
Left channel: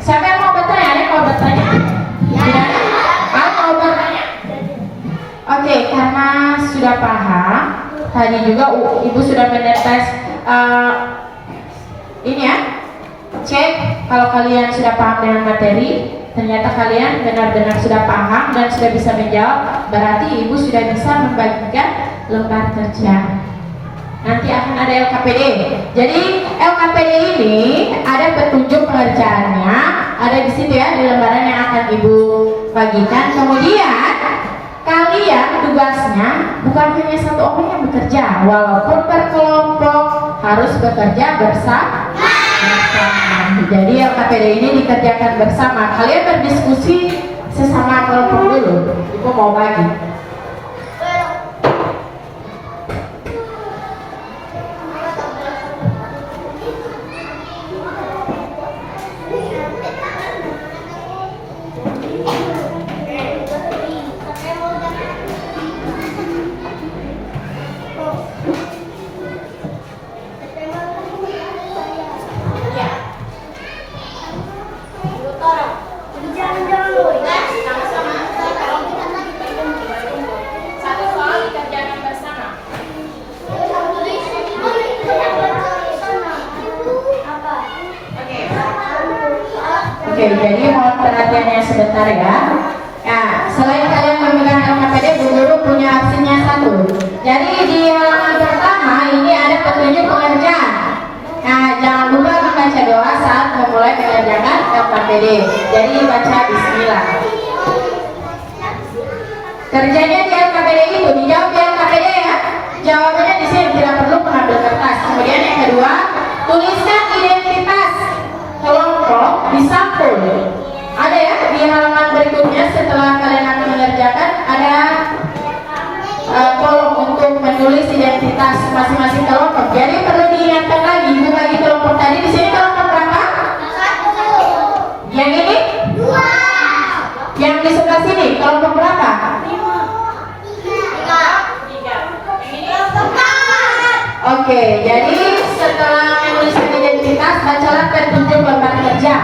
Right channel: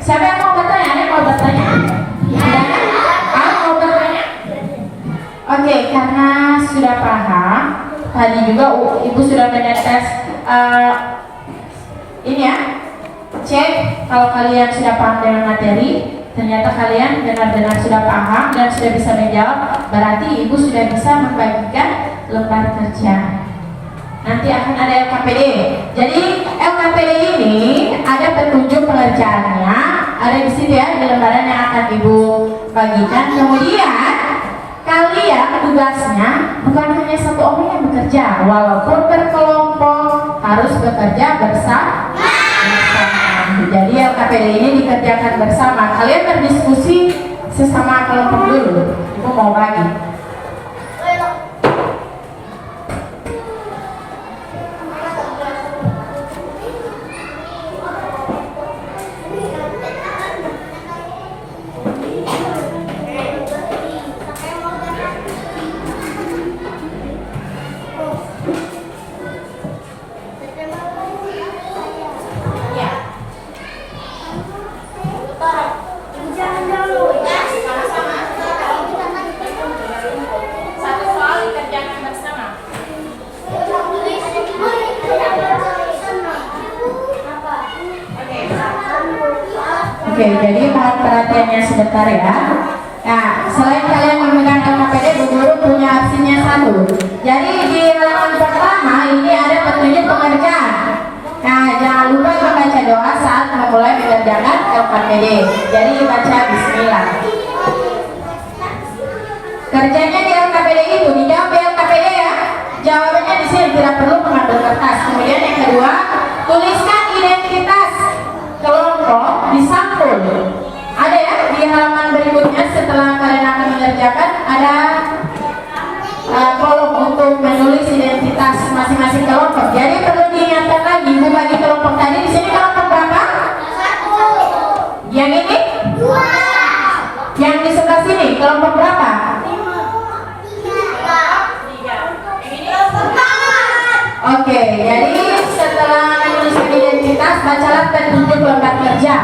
siapa yang mau bertanya? Ada yang mau bertanya? Mau bertanya? Oke, karena sudah paham, tadi juga Ibu sudah menetes ini ya, cek kalau kalian sudah paham dengan materi. Ternyata kalian benar-benar sudah paham dan sudah bisa menjawab, berarti Ibu sudah bisa membagikan lembar kerja. Nanti akan ada LKPD. Jadi LKPD ini ada petunjuk pengerjaannya, ada di situ ya, di lembaran yang akan Ibu bagikan. Kemudian kalian tugasnya bukan hanya satu orang yang bekerja, walaupun berkelompok harus bekerja bersama. Jadi LKPD ini dikerjakan bersama. Kalian berdiskusi sesama kelompok dulu. Ibu mau bagi. Oke, jadi mohon perhatiannya sebentar ya. Ya, selain kalian memegang LKPD, Bu Guru punya aksinya satu. Jadi di halaman pertama ini ada petunjuk pengerjaan. Nah, jangan lupa membaca doa saat memulai mengerjakan LKPD. Jadi baca Bismillah. Kerjanya di LKPD itu dijawab di LKPD ya. Jawabannya di sini, tidak perlu mengambil kertas. Kemudian yang kedua, tuliskan identitas kelompok di sampul. Ada ya di halaman berikutnya setelah kalian akan mengerjakan ada kolom untuk menulis identitas masing-masing kelompok. Jadi perlu diingatkan lagi, Ibu bagi kelompok tadi di sini kelompok berapa? 1. Yang ini? 2. Yang di sebelah sini kelompok berapa? 3. Oke, jadi setelah menuliskan identitas, bacalah petunjuk lembar kerja.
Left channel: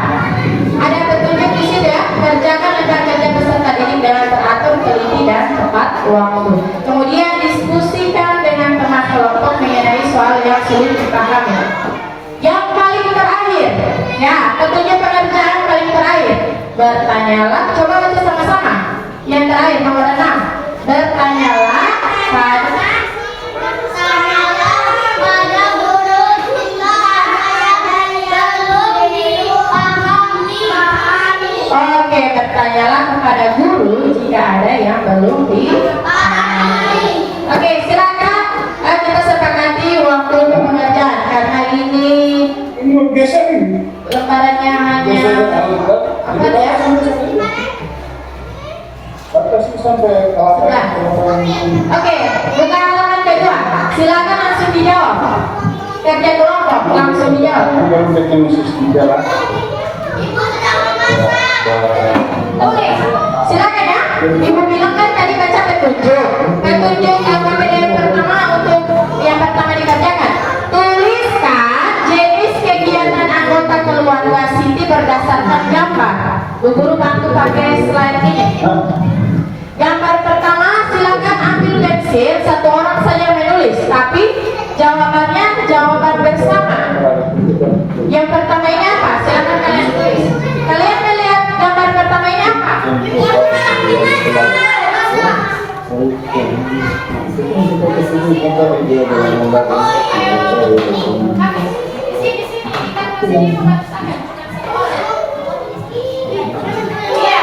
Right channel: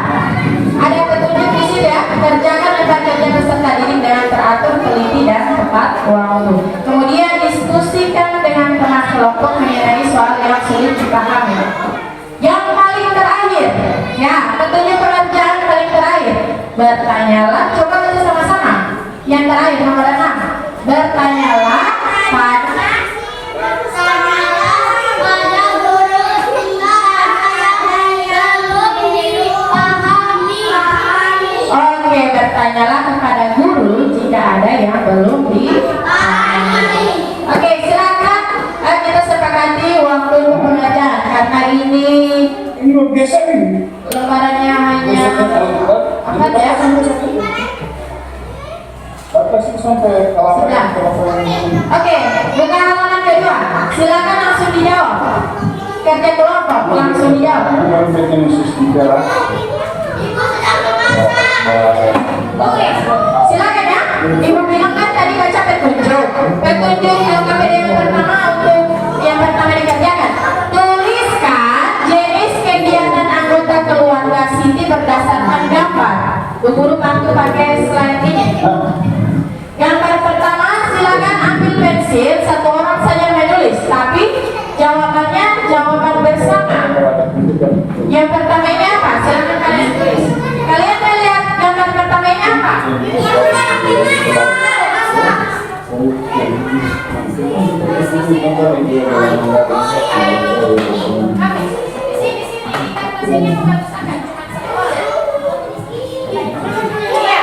Ada petunjuk di sini ya, kerjakan lembar kerja peserta didik dengan teratur, teliti dan tepat waktu. Kemudian diskusikan dengan teman kelompok mengenai soal yang sulit dipahami. Yang paling terakhir, ya, petunjuk pekerjaan paling terakhir. Bertanyalah, coba baca sama-sama. Yang terakhir nomor 6. Bertanyalah pada guru jika ada yang belum dipahami. Oke, bertanyalah kepada guru jika ada yang belum dipahami. Oke, silakan kita sepakati waktu untuk pengerjaan karena ini biasa nih. lembarannya hanya apa ya? Batasi sampai Sudah. Oke, buka halaman kedua. Silakan langsung dijawab. Kerja kelompok langsung dijawab. yang definisi sejarah. Ibu sedang memasak. Oke, silakan ya. Ibu bilang kan tadi baca petunjuk. Petunjuk LKPD yang pertama untuk yang pertama dikerjakan. Tuliskan jenis kegiatan anggota keluarga Siti berdasarkan gambar. Bu Guru bantu pakai slide ini. Gambar pertama silakan ambil pensil, satu orang saja menulis, tapi jawabannya jawaban bersama. Yang pertama ini apa? Silakan kalian tulis. Kalian melihat gambar pertama ini apa? Di sini kita tulisannya mengatakan cuma satu orang. Iya.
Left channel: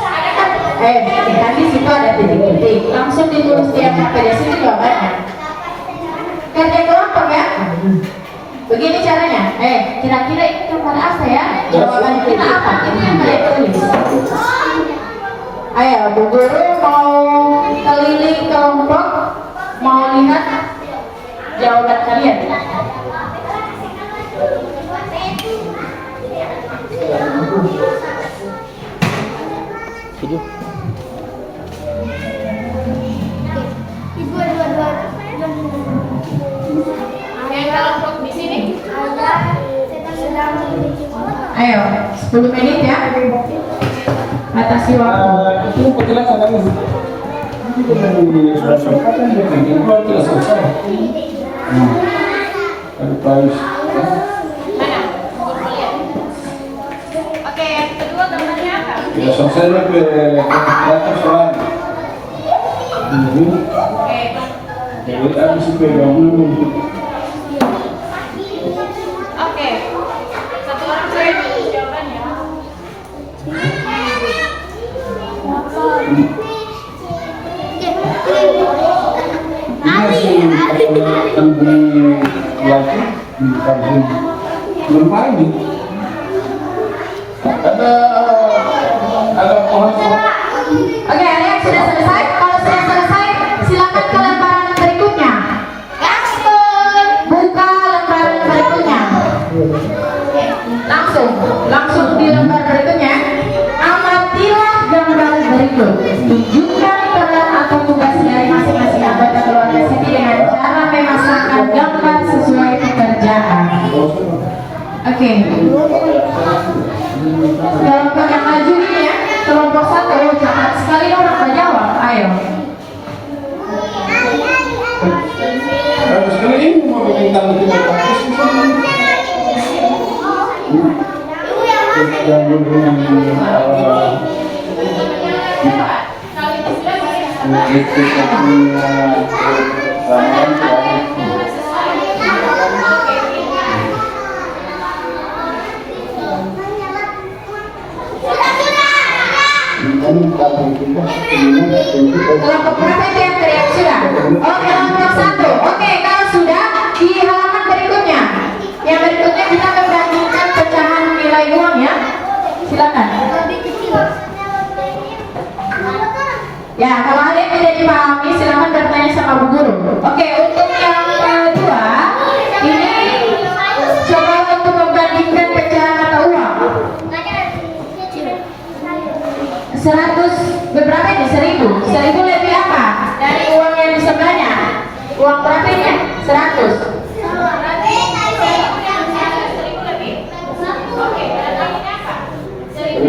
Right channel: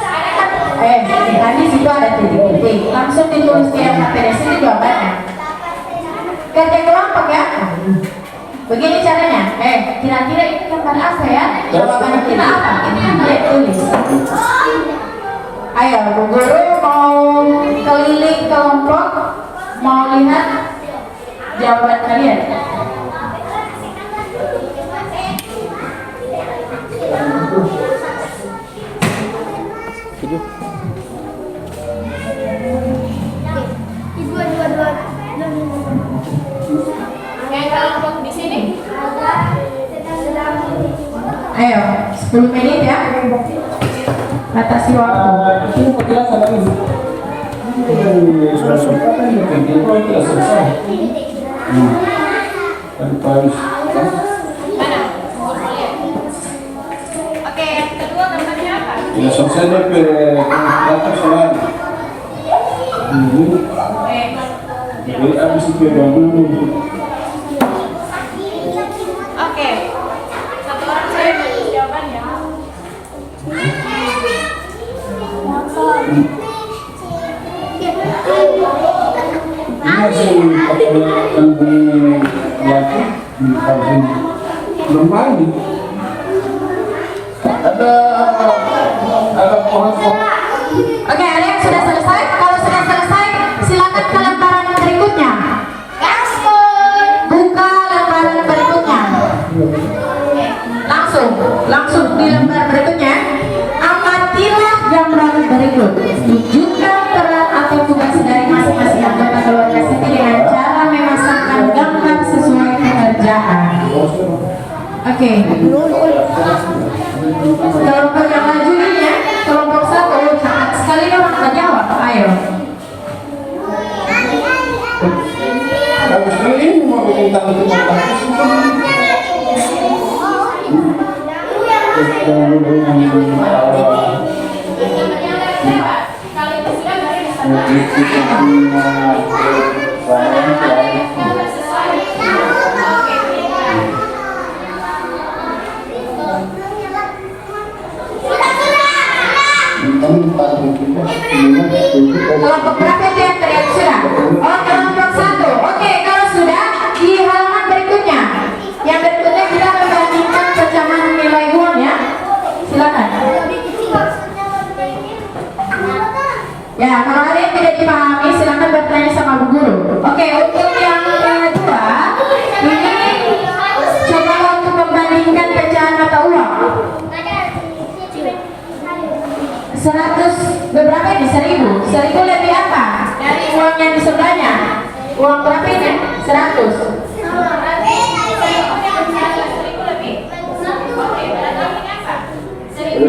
Ada kan? Tadi situ ada titik-titik. Langsung ditulis tiap materi sini jawabannya. Kerja kelompok ya. Begini caranya. Kira-kira ini gambar apa ya? Jawaban kita apa? Ini yang kalian tulis. Ayo, Bu Guru mau keliling kelompok, mau lihat jawaban kalian. Video. Yang kelompok di sini. Ayo, 10 menit ya. Batasi waktu. Itu penjelasan lagi. Sudah sempat kan itu tidak selesai. Tadi Paris. Oke, yang kedua gambarnya apa? Tidak selesai lebih dari soal. Ini. Jadi habis itu dulu. Oke. Satu orang saya tulis jawabannya. Ini masih kampung lagi di kampung Lembah ini. Ada pohon. Oke, ada yang sudah selesai? Kalau sudah selesai, silakan ke lembaran berikutnya. Buka lembaran berikutnya. Langsung di lembar berikutnya. Amatilah gambar berikut. Tunjukkan peran atau tugas dari masing-masing anggota keluarga sini dengan cara memasangkan gambar sesuai pekerjaan. Oke. Kelompok yang maju ini ya, kelompok 1, cepat sekali orang menjawab. Ayo. Habis ini mau bikin tanda Kelompok berapa itu yang teriak sudah? Oh, kelompok 1. Oke, kalau sudah di halaman berikutnya. Yang berikutnya kita membandingkan pecahan nilai uang ya. Silakan. Ya, kalau ada yang tidak dipahami silakan bertanya sama Bu Guru. Oke, untuk yang kedua, ini coba untuk membandingkan pecahan mata uang. 100 beberapa ini? 1000 lebih apa dari uang yang di sebelahnya? Uang berapa ini? 100.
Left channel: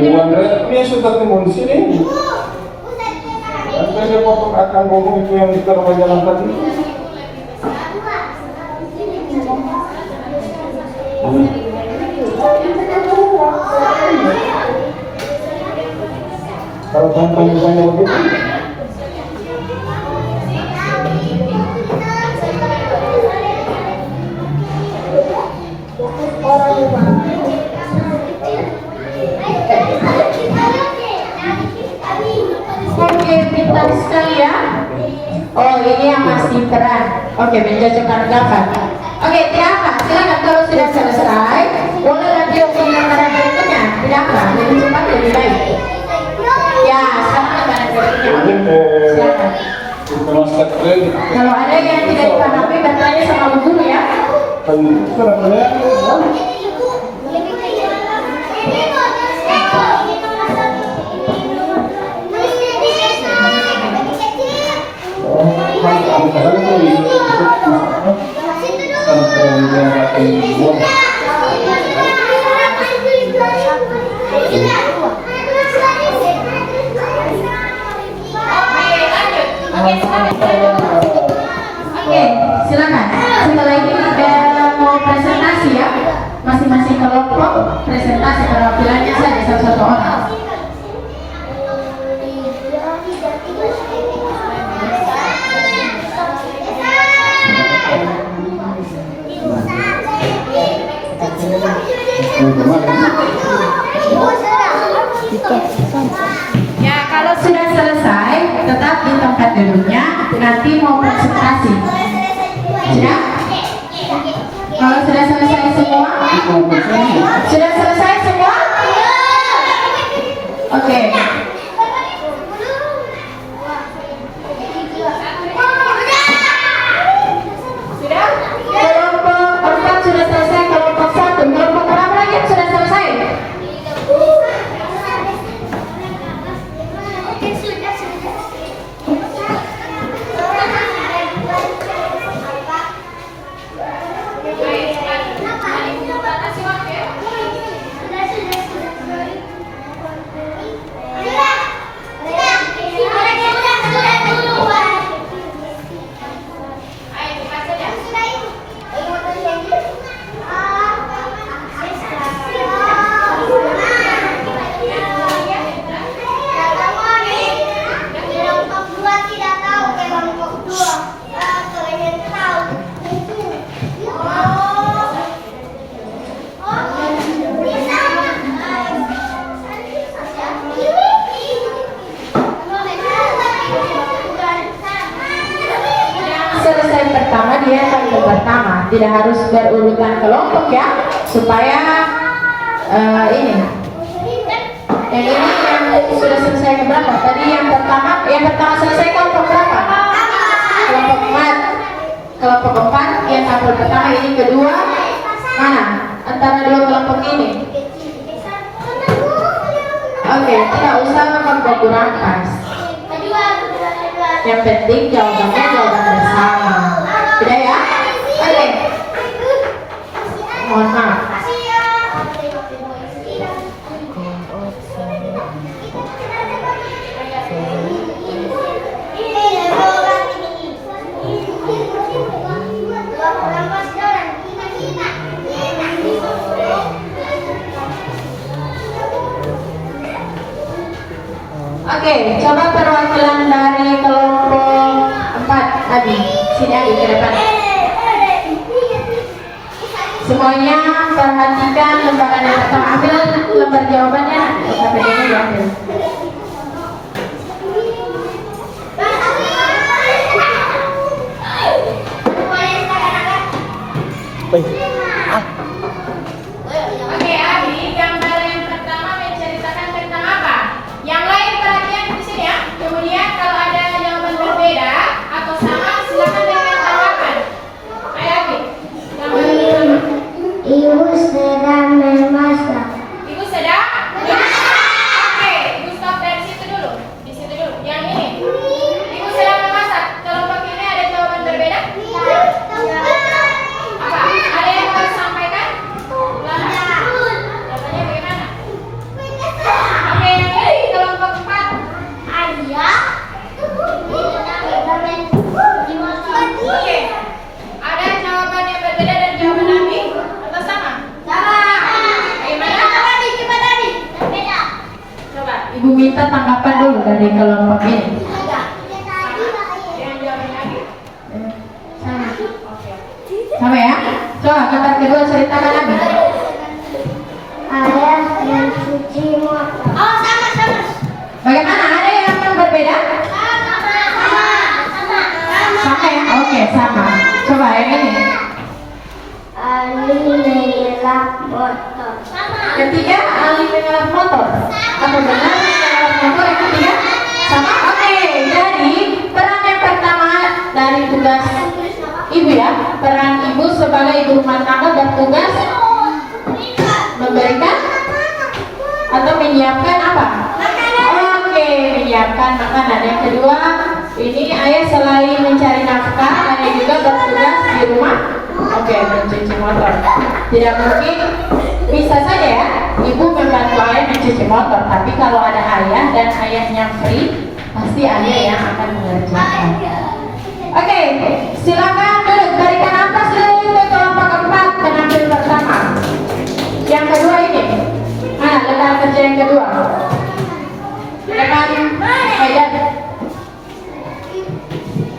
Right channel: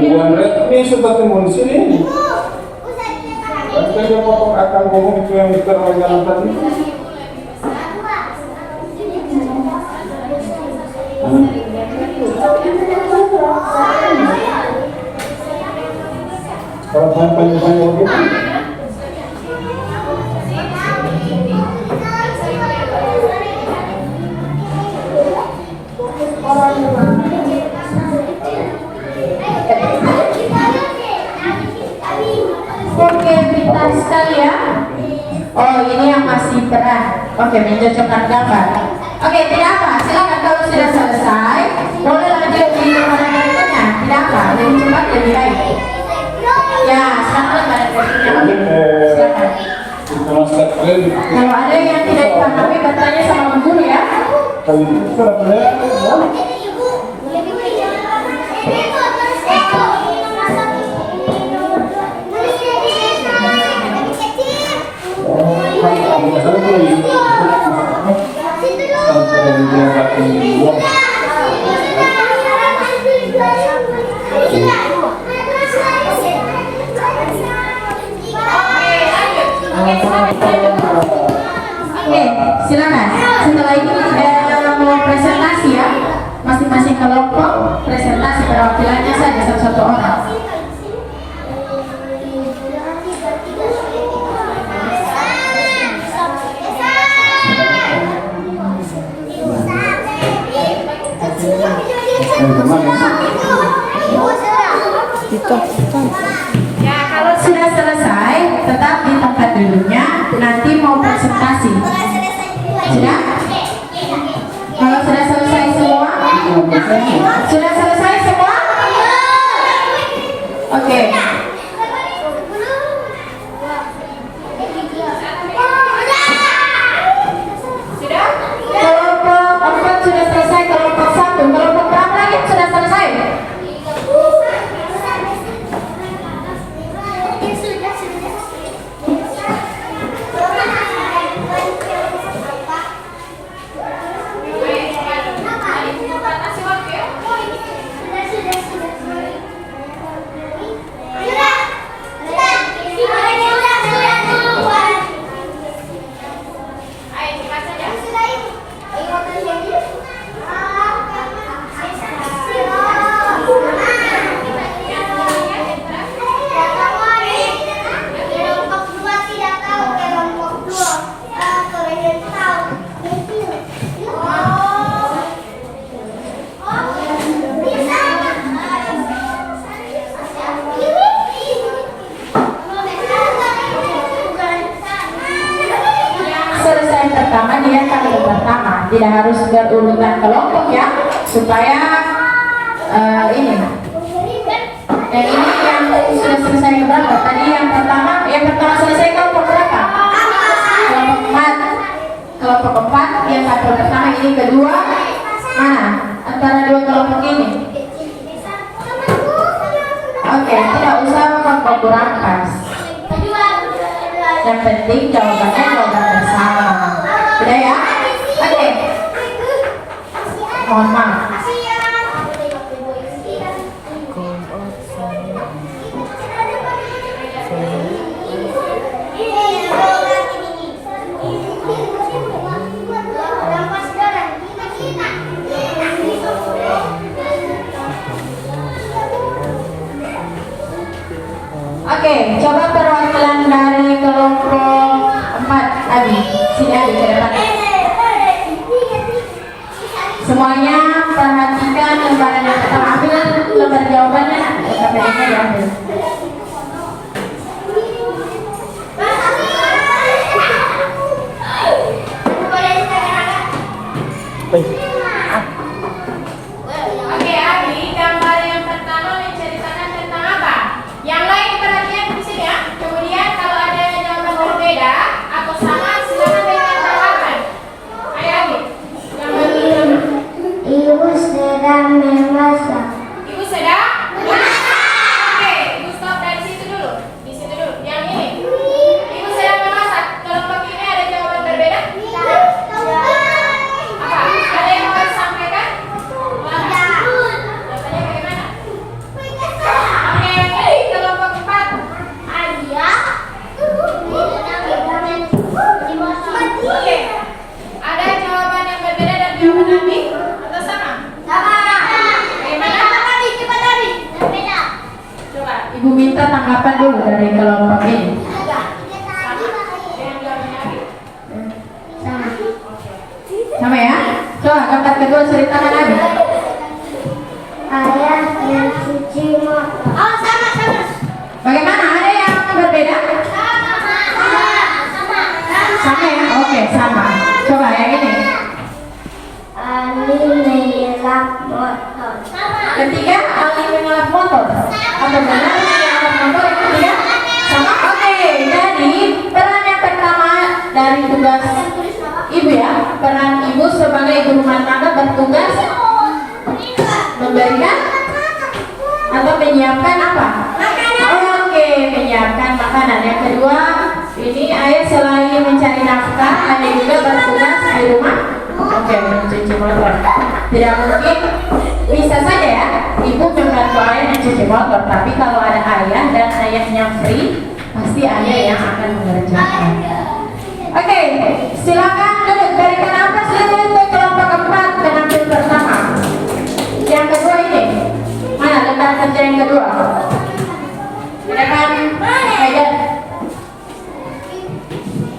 ribuan red ini sudah timbul di sini. Nanti dia potong akan ngomong itu yang di jalan tadi. Kalau tanya-tanya begitu. Oke, pintar sekali ya. Oh, ini yang masih terang. Oke, mencocokkan gambar. Oke, tidak apa. Silakan kalau sudah selesai, boleh lanjut di lembaran berikutnya. Tidak apa, lebih cepat lebih baik. Ya, sekarang lembaran berikutnya. Silakan. Kalau ada yang tidak dipahami, bertanya sama Bu Guru ya. Oke, silakan. Setelah ini kita mau presentasi ya. Masing-masing kelompok presentasi perwakilannya saja satu-satu orang. Ya, kalau sudah duduknya, nanti mau presentasi. Sudah? Kalau sudah selesai semua? Sudah selesai semua? Oke. Sudah? Kelompok 4 sudah selesai, kelompok 1, kelompok berapa lagi yang sudah selesai? Selesai pertama dia kelompok pertama, tidak harus berurutan kelompok ya, supaya ini. Dan ini yang sudah selesai yang berapa? Tadi yang pertama selesai kelompok berapa? Kelompok 4. Kelompok 4 yang kelompok pertama, ini kedua. Mana? Antara dua kelompok ini. Oke, tidak usah memperkurang pas. Yang penting jawabannya jawaban bersama. Udah ya? Oke. Mohon maaf. Oke, coba perwakilan dari kelompok 4 tadi. Sini aja ke depan. Semuanya perhatikan lembaran yang pertama. Ambil lembar jawabannya. KPD-nya diambil. Oke, Abi, gambar yang pertama menceritakan tentang apa? Yang lain perhatian di sini ya. Kemudian kalau ada jawaban berbeda atau sama, silakan berikan tanggapan. Ayo, Abi. Ibu sedang memasak. Ibu sedang memasak. Oke, Ibu stop dari situ dulu. Di situ dulu. Yang ini. Ibu sedang memasak. Kelompok ini ada jawaban berbeda? Apa? Ada yang mau disampaikan? Jawabannya bagaimana? Oke, ini kelompok 4. Oke. Ada jawaban yang berbeda dan jawaban Abi atau sama? Bagaimana? Coba Ibu minta tanggapan dulu dari kelompok ini. Yang jawabannya Abi? Sama. Oke. Sama ya? Coba gambar kedua ceritakan Abi. Ayah yang cuci motor. Bagaimana? Ada yang berbeda? Sama ya? Oke, sama. Coba yang ini. Ali mengelak motor. Ketiga, Ali mengelak motor. Apa benar mengelak motor yang ketiga? Sama? Oke, jadi peran yang pertama dari tugas Ibu ya, peran Ibu sebagai ibu rumah tangga bertugas memberikan atau menyiapkan apa? Oke, menyiapkan makanan. Yang kedua, ini ayah selain mencari nafkah, ayah juga bertugas di rumah. Oke, mencuci motor. Tidak mungkin, bisa saja ya, ibu membantu ayah mencuci motor. Tapi kalau ada ayah dan ayahnya free, pasti ayah yang akan mengerjakan. Oke, silakan duduk. Berikan nafas dulu untuk kelompok 4 penampil pertama. Yang kedua ini, mana lembar kerja yang kedua? Depan Haidar.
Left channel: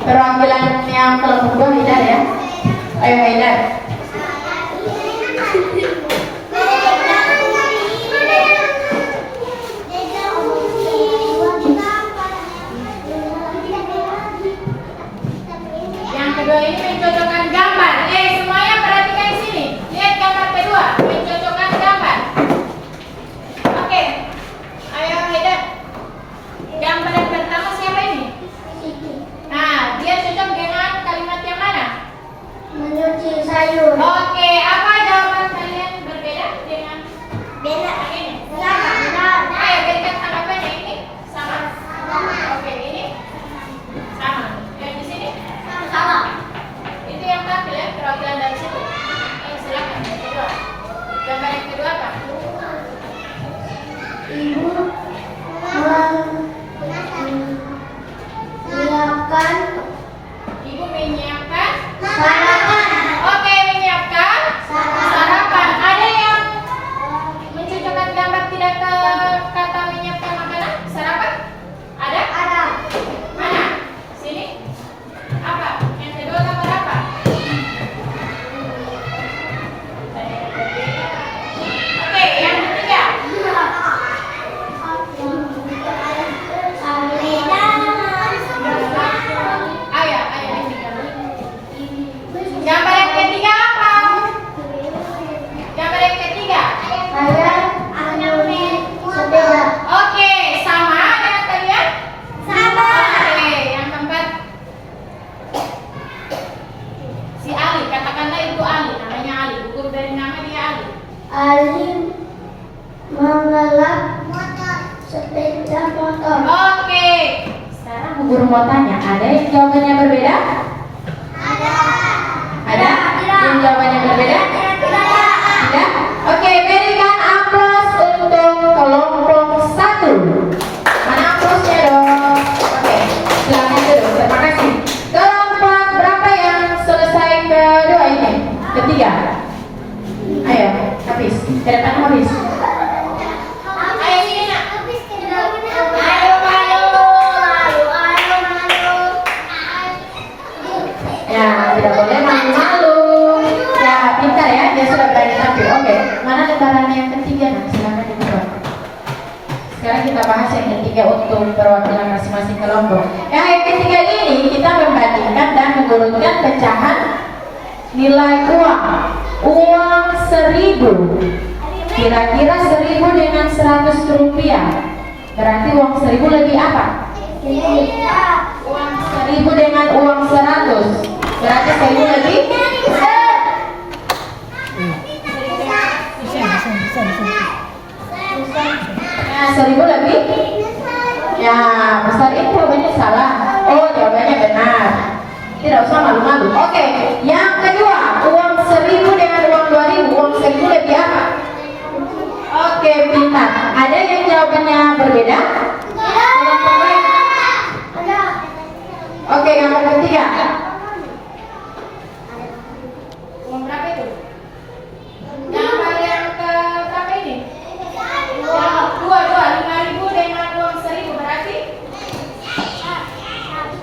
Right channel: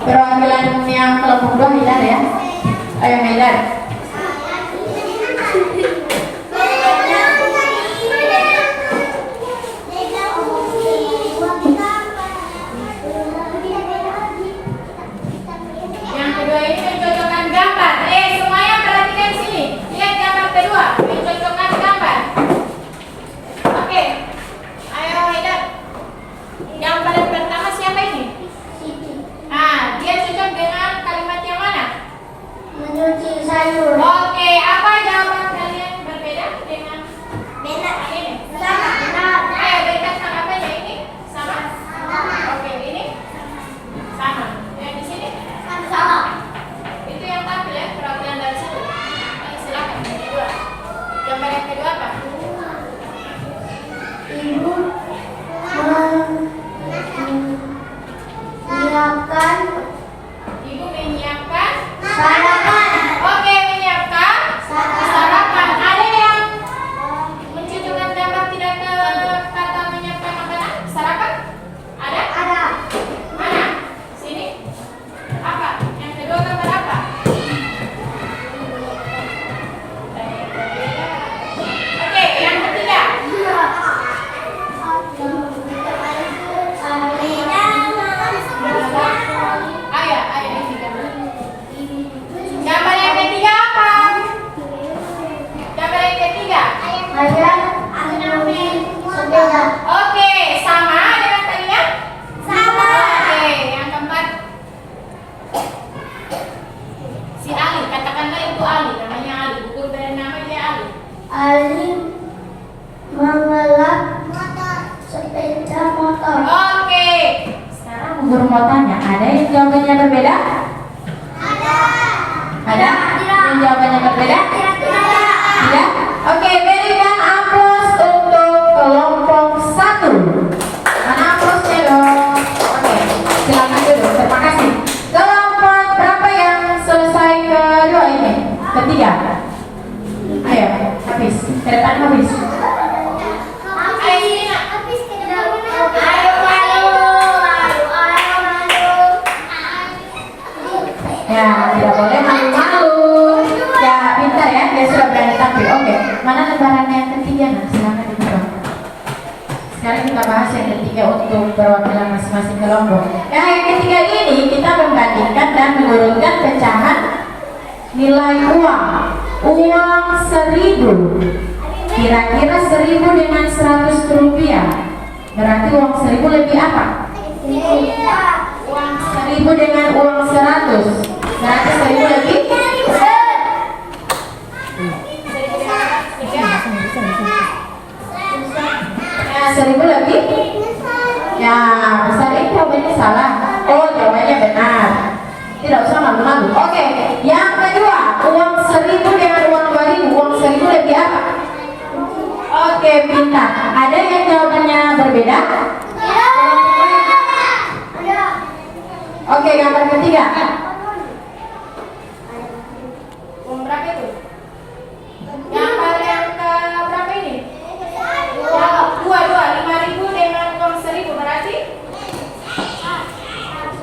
Perwakilan yang kelompok 2 Haidar ya. Ayo Haidar. pencocokkan gambar. Semuanya perhatikan sini. Lihat gambar kedua, pencocokkan gambar. Oke. Ayo Haidar. Gambar yang pertama siapa ini? Nah, dia cocok dengan kalimat yang mana? Mencuci sayur. Oke, apa jawaban kalian berbeda dengan Beda. ini? Sama. Ayo berikan tanggapannya ini. Sama. Oke, ini sama. Yang di sini Sama. itu yang tampil ya, perwakilan dari situ. Silakan yang kedua. Gambar yang kedua apa? Ibu menyiapkan Ibu menyiapkan sarapan. Oke, menyiapkan sarapan. Ada yang mencocokkan gambar tidak ke kata menyiapkan makanan? Sarapan? Ada? Ada. Mana? Sini? Apa? Yang kedua gambar apa? Oke, yang ketiga. Ayah, ini gambar. Gambar yang ketiga apa? Gambar yang ketiga. Saya menyusun sepeda. Oke, sama dengan tadi ya? Sama. Oke, yang keempat. Si Ali, katakanlah itu Ali, namanya Ali. Hukum dari nama dia Ali. Ali mengelak sepeda motor. Oke. Sekarang guru mau tanya, ada yang jawabannya berbeda? Ada? Yang jawabannya berbeda? Tidak? Oke, berikan aplaus untuk kelompok 1. Mana aplausnya dong? Oke, silakan duduk. Terima kasih. Kelompok berapa yang selesai kedua ini? Ketiga. Ayo, habis. Ceretan habis. Ayo sini nak. Ya, tidak boleh malu-malu. Ya, pintar ya, dia sudah berani tampil. Oke, mana lembarannya yang ketiga? Nah, silakan dibuka. Sekarang kita bahas yang ketiga untuk perwakilan masing-masing kelompok. Yang ketiga ini kita membandingkan dan mengurutkan pecahan nilai uang. Uang 1.000. Kira-kira 1.000 dengan 100 rupiah. Berarti uang 1.000 lebih apa? Uang 1.000 dengan uang 100. Berarti 1.000 lebih? Ya, 1.000 lebih? Ya, besar ini jawabannya salah. Oh, jawabannya benar. Tidak usah malu-malu. Oke, yang kedua, uang 1.000 dengan uang 2.000. Uang 1.000 lebih apa? Oke, pintar. Ada yang jawabannya berbeda? Oke, gambar ketiga. Uang berapa itu? Gambar yang ke berapa ini? Yang dua, 5.000 dengan uang 1.000 berarti?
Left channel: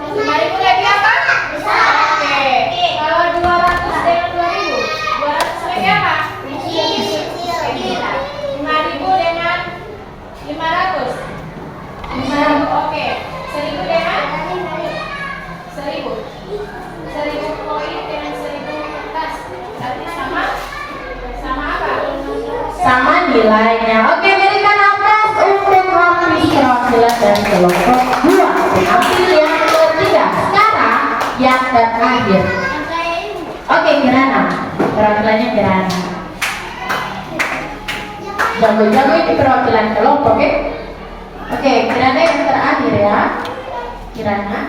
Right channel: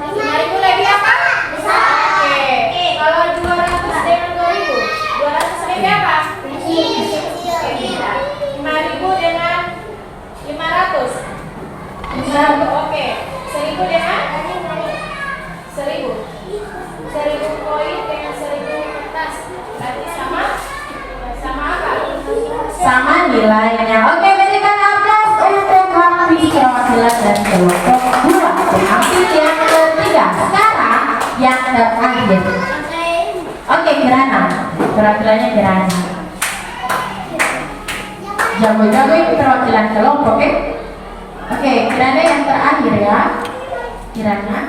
5.000 lagi apa? Oke. Kalau 200 dengan 2.000, 200 lebih apa? 5.000 dengan 500. 500, oke. 1.000 dengan 1.000. 1.000 koin dengan 1.000 kertas. Berarti sama apa? Sama nilainya. Oke, berikan aplaus untuk kampus perwakilan dan kelompok 2. Ambil yang ketiga. Sekarang yang terakhir. Oke, Kirana. Perwakilannya Kirana. Jago-jago ini perwakilan kelompok, oke? Oke, Kirana yang terakhir ya. Kirana.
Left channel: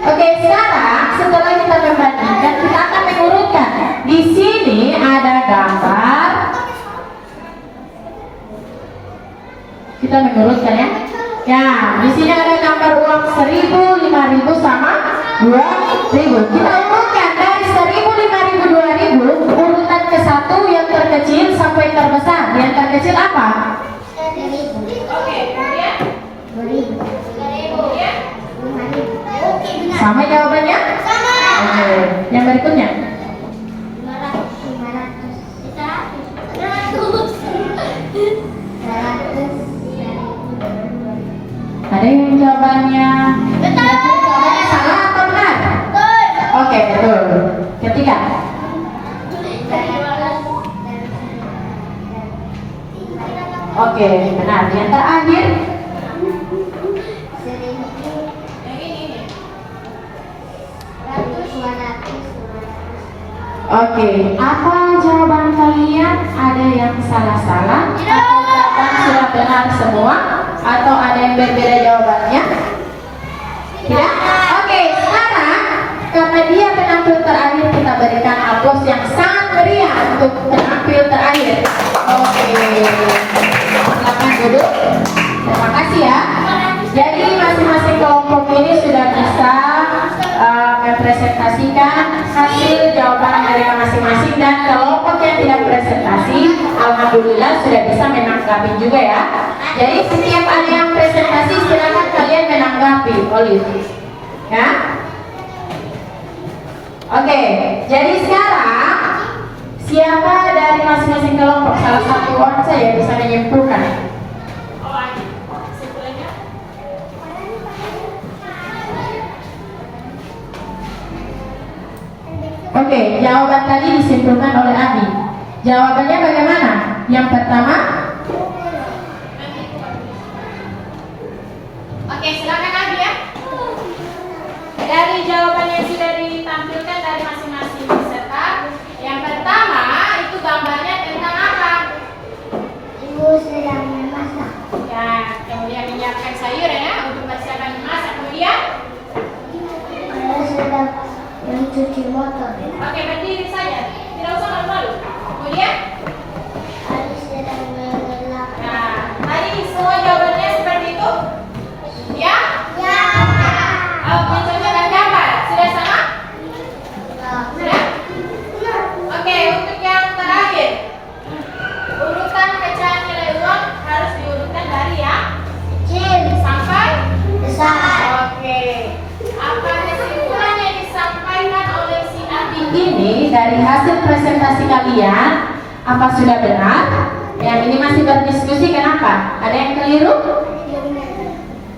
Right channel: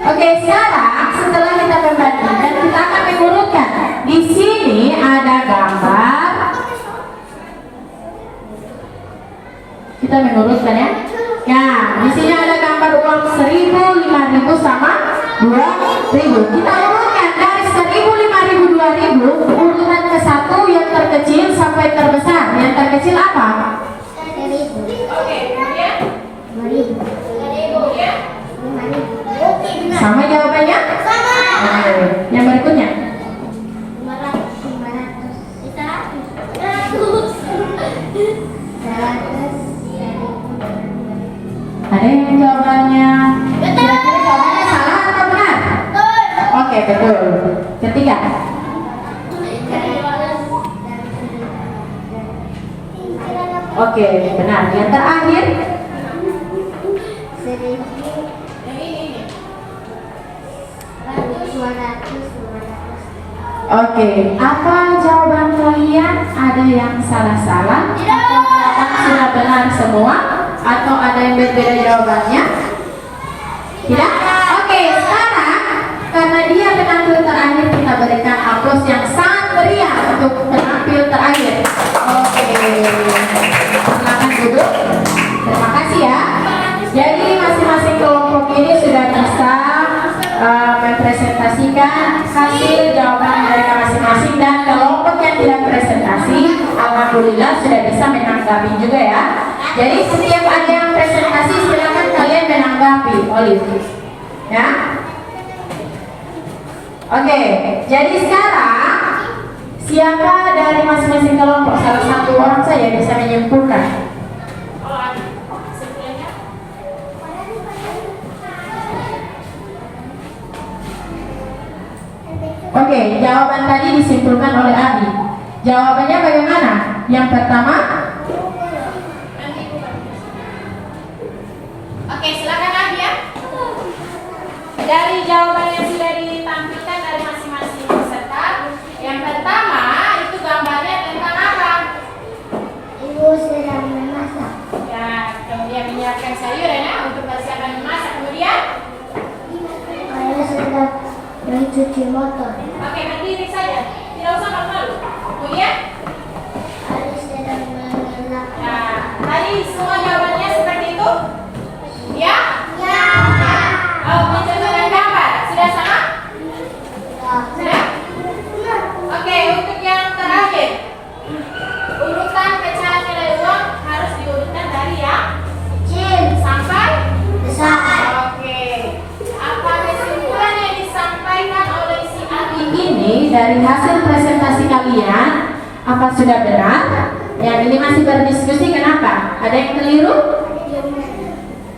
Oke, sekarang setelah kita membandingkan, kita akan mengurutkan. Di sini ada gambar. Kita mengurutkan ya. Ya, di sini ada gambar uang 1.000, 5.000 sama 2.000. Kita urutkan dari 1.000, 5.000, 2.000. Urutan ke satu yang terkecil sampai terbesar. Yang terkecil apa? Oke, kemudian 2.000 ya. Sama jawabannya? Sama. Yang berikutnya? 500. Ada yang jawabannya? Betul. Jawabannya salah atau benar? Betul. Oke, betul. Oke, benar. Yang terakhir, 1.200. oke. Apa jawaban kalian? Ada yang salah-salah? Atau jawaban sudah benar semua? Atau ada yang berbeda jawabannya? Tidak? Oke, sekarang karena dia penampil terakhir, kita berikan aplaus yang sangat meriah untuk penampil terakhir. Oke, silakan duduk. Terima kasih ya. Jadi masing-masing kelompok ini sudah bisa mempresentasikan hasil jawaban mereka masing-masing, dan kelompok yang tidak presentasi, alhamdulillah sudah bisa menanggapi juga ya. Jadi setiap ada yang presentasi, silakan kalian menanggapi, Olive. Ya. Oke, jadi sekarang siapa dari masing-masing kelompok, salah satu orang saja bisa menyimpulkan? Oke, jawaban tadi disimpulkan oleh Abi. Jawabannya bagaimana? Yang pertama? Oke, silakan Abi ya. Dari jawaban yang sudah ditampilkan dari masing-masing peserta, yang pertama itu gambarnya tentang apa? Ibu sedang memasak. Ya, kemudian menyiapkan sayur ya untuk persiapan memasak. Kemudian? Ayah sedang mencuci motor. Oke, berdiri saja, tidak usah malu-malu. Kemudian? Ayah sedang mengelak. Nah, tadi semua jawabannya seperti itu? Ya? Ya. Oh, mencocokkan gambar, sudah sama? Sudah? Oke, untuk yang terakhir, urutan pecahan nilai uang harus diurutkan dari yang Kecil. sampai Besar. Oke. Apa kesimpulan yang disampaikan oleh si Abi ini dari hasil presentasi kalian? Apa sudah benar? Yang ini masih berdiskusi, kenapa? Ada yang keliru?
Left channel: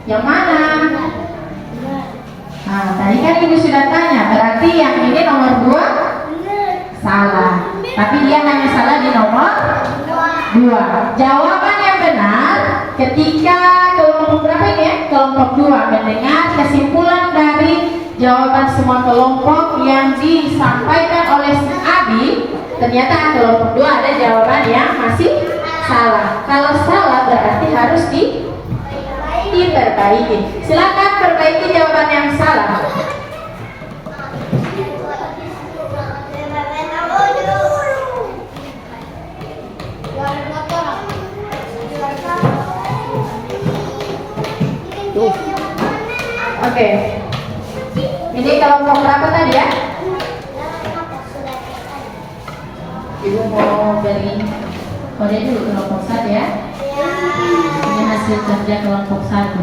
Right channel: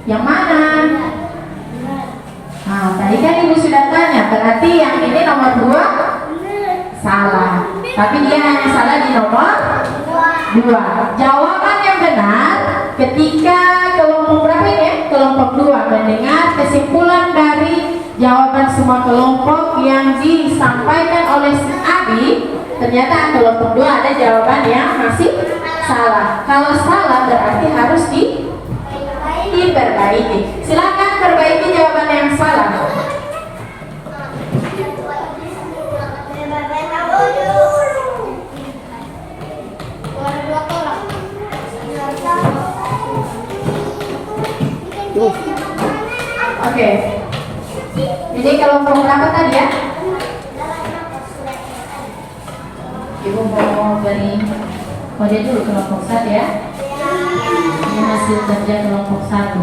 Yang mana? Nah, tadi kan ibu sudah tanya, berarti yang ini nomor 2 salah. Tapi dia hanya salah di nomor 2. Jawaban yang benar ketika kelompok berapa ini ya? Kelompok 2 mendengar kesimpulan dari jawaban semua kelompok yang disampaikan oleh si Abi, ternyata kelompok 2 ada jawaban yang masih salah. Kalau salah berarti harus diperbaiki. Silakan perbaiki jawaban yang salah. Oke. Ini kelompok berapa tadi ya? Ibu mau beri kode dulu kelompok 1 ya. Ini hasil kerja kelompok 1.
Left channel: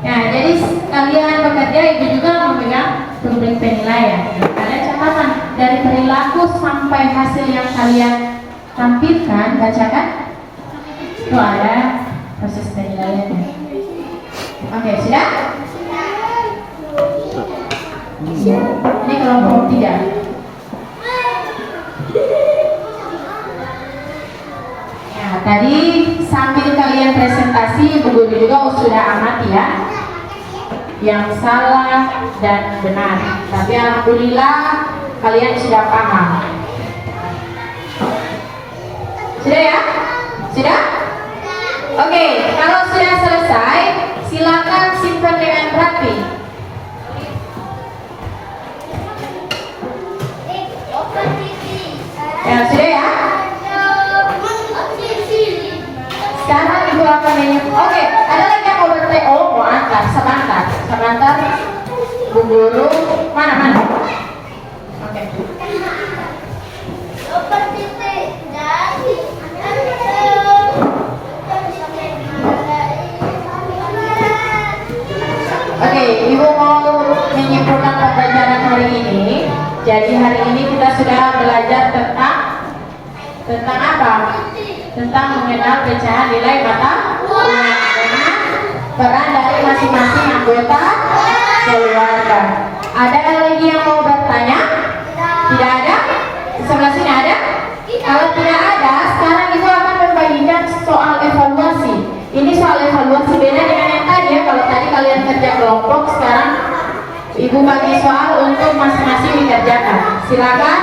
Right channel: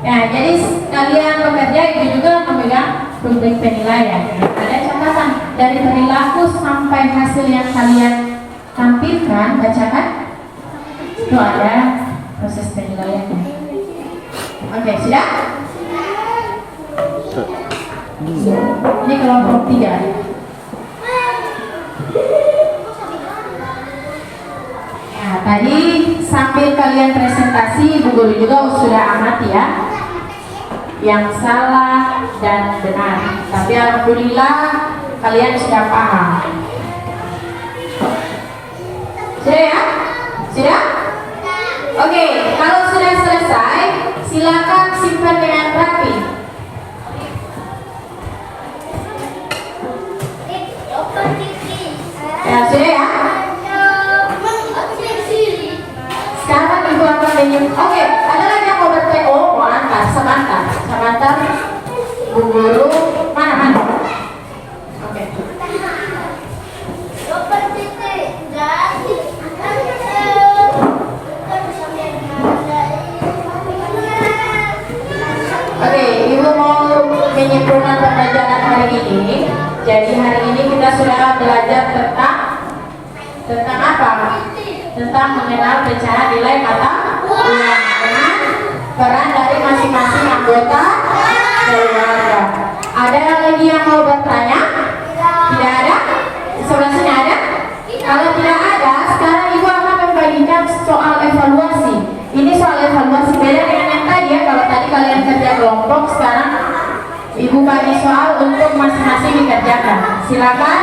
Ya, jadi kalian bekerja, ibu juga memegang rubrik penilaian. Ada catatan dari perilaku sampai hasil yang kalian tampilkan, bacakan. Itu ada proses penilaiannya. Oke, sudah? Ini kelompok 3. Ya, tadi sambil kalian presentasi, ibu guru juga sudah amati ya, yang salah dan benar. Tapi alhamdulillah kalian sudah paham. Sudah ya? Sudah? Oke, kalau sudah selesai, silakan simpan dengan rapi. Ya, sudah ya? Sekarang ibu akan Oke, ada lagi yang mau bertanya? Oh, mau antar, sebentar. Bu guru, mana? Oke. Oke, ibu mau menyimpulkan pembelajaran hari ini. Jadi hari ini kita sudah belajar tentang apa? Tentang mengenal pecahan nilai mata uang dengan peran dari masing-masing anggota keluarga. Ada lagi yang mau bertanya? Tidak ada? Di sebelah sini ada? Ibu bagi soal untuk masing-masing dikerjakan. Silakan.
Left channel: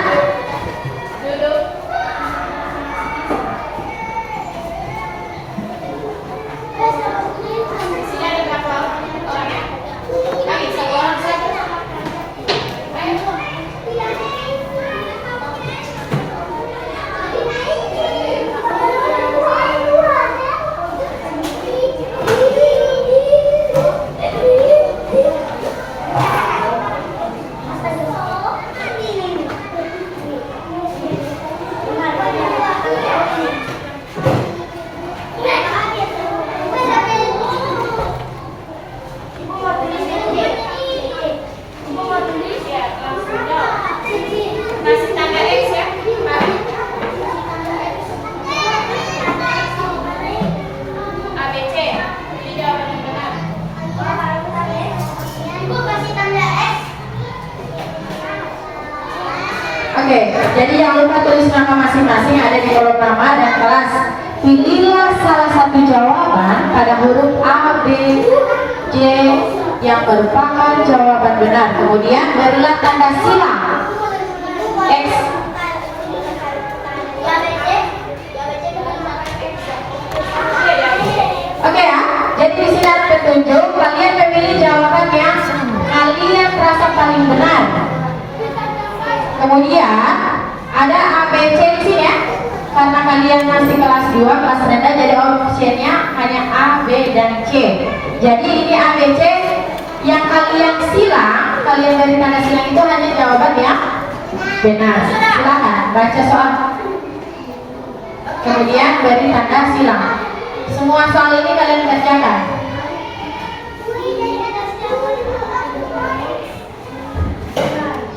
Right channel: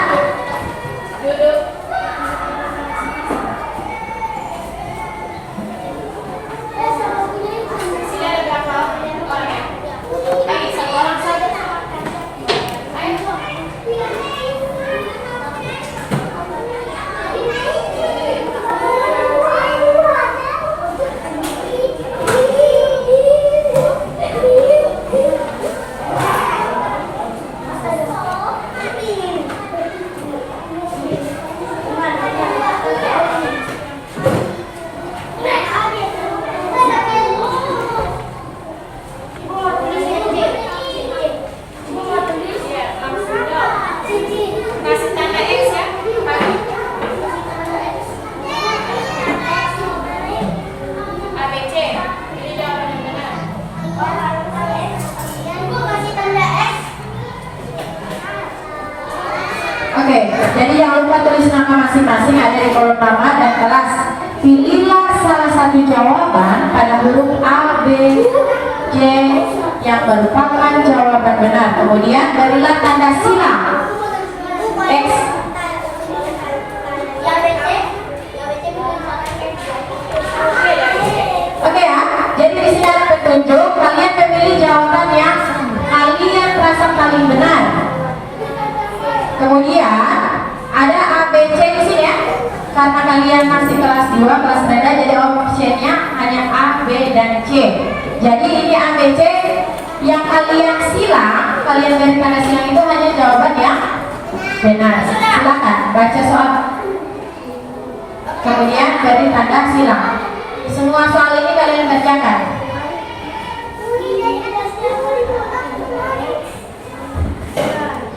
Duduk. Sini ada berapa orang ya? Baik, satu orang saja. Ayo. Kasih tanda X ya. ABC. Ini jawaban yang benar. Ibu kasih tanda X. Oke, jadi jangan lupa tulis nama masing-masing ada di kolom nama dan kelas. Pilihlah salah satu jawaban pada huruf A, B, C yang merupakan jawaban benar. Kemudian berilah tanda silang X. Oke ya, jadi di sini ada petunjuk. Kalian memilih jawaban yang kalian merasa paling benar. Kemudian ada A, B, C di sini ya. Karena kalian masih kelas 2, kelas rendah, jadi optionnya hanya A, B, dan C. Jadi ini A, B, C yang kalian silang, kalian beri tanda silang itu hanya jawaban yang benar. Silakan baca soal. Kemudian beri tanda silang. Semua soal ini kalian kerjakan.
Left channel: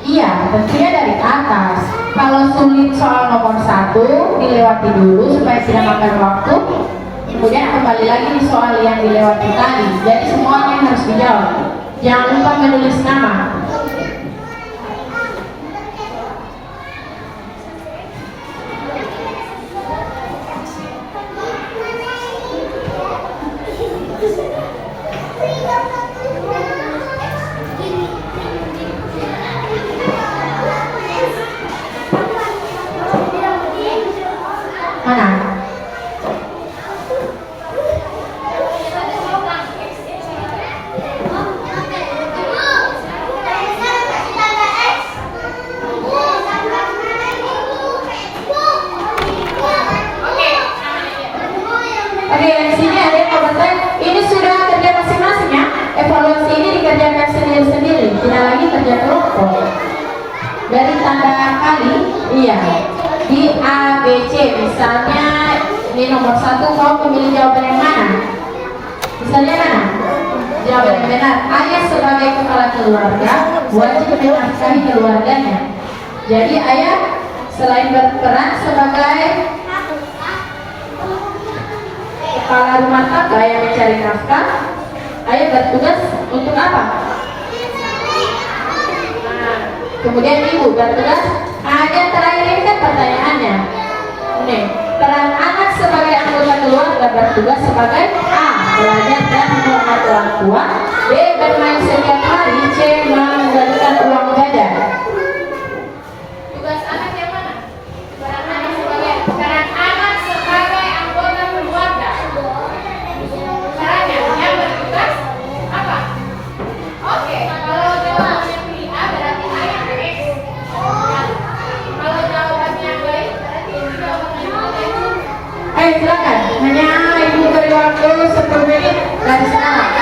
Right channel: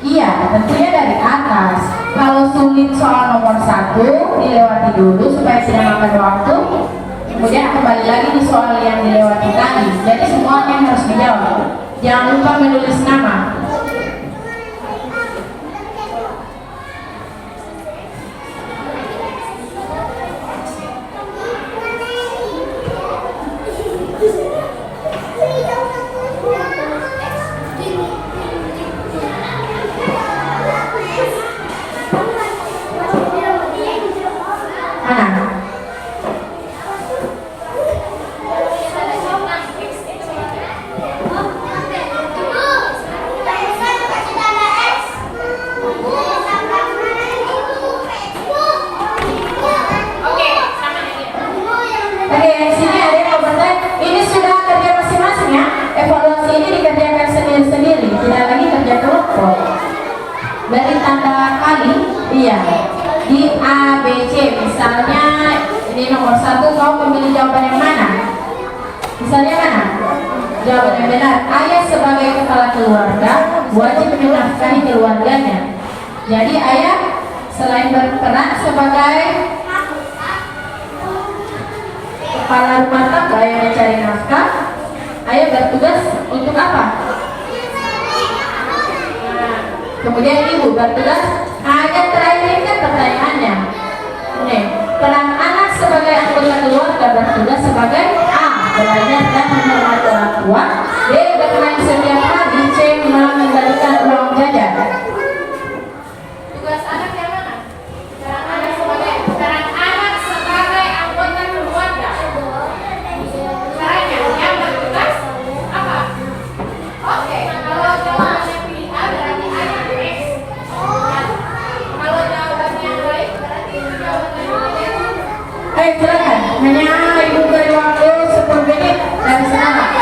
Iya, tentunya dari atas. Kalau sulit soal nomor 1 dilewati dulu supaya tidak makan waktu. Kemudian kembali lagi di soal yang dilewati tadi. Jadi semuanya harus dijawab. Jangan lupa menulis nama. Mana? Oke, yang sini ada yang komentar. Ini sudah kerja masing-masing ya. Evaluasi ini dikerjakan sendiri-sendiri, tidak lagi kerja kelompok. Dari tanda kali, iya. Di A, B, C, misalnya ini nomor 1, kau memilih jawaban yang mana? Misalnya mana? Jawaban yang benar. Ayah sebagai kepala keluarga wajib menafkahi keluarganya. Jadi ayah selain berperan sebagai kepala rumah tangga yang mencari nafkah, ayah bertugas untuk apa? Nah, kemudian ibu bertugas. Hanya terakhir ini kan pertanyaannya. Nih, peran anak sebagai anggota keluarga bertugas sebagai A, belajar dan menghormati orang tua. B, bermain setiap hari. C, mengembalikan uang jajan. Tugas anak yang mana? Peran anak sebagai anggota keluarga. Caranya yang bertugas apa? Oke, kalau jawabannya pilih A berarti A yang X. Kalau jawabannya baik berarti jawabannya baik. Silakan. Hanya ibu beri waktu 10 menit dari sekarang.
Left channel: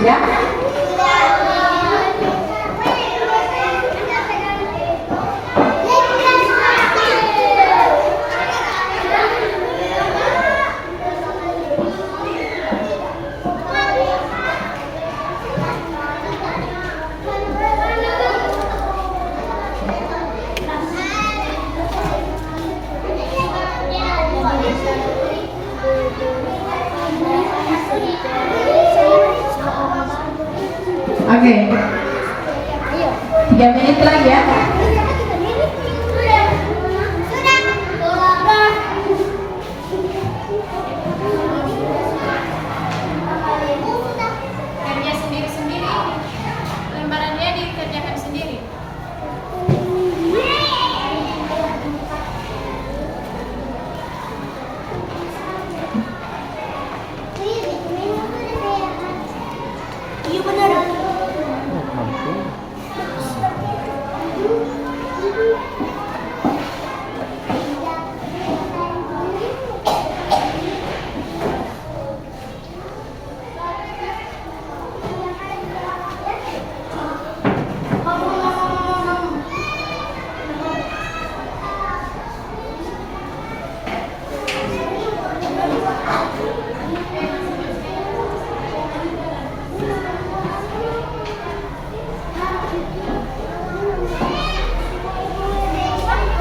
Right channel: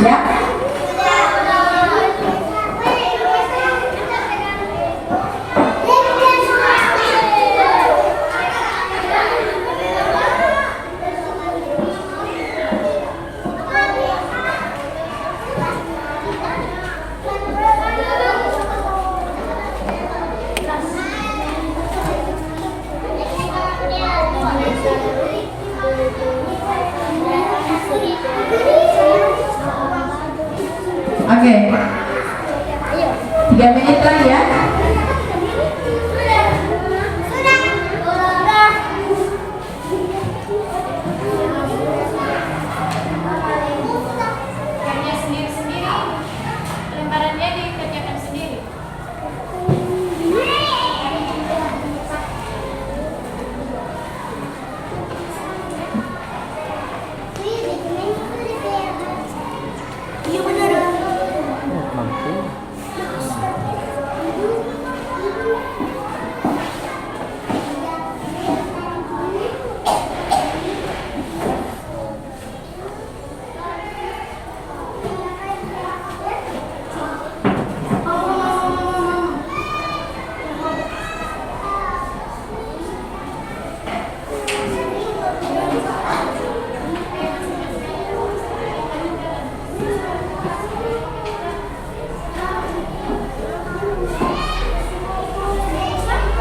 Sudah? Oke. 3 menit lagi ya. Kerja sendiri-sendiri, lembarannya dikerjakan sendiri. Iya benar.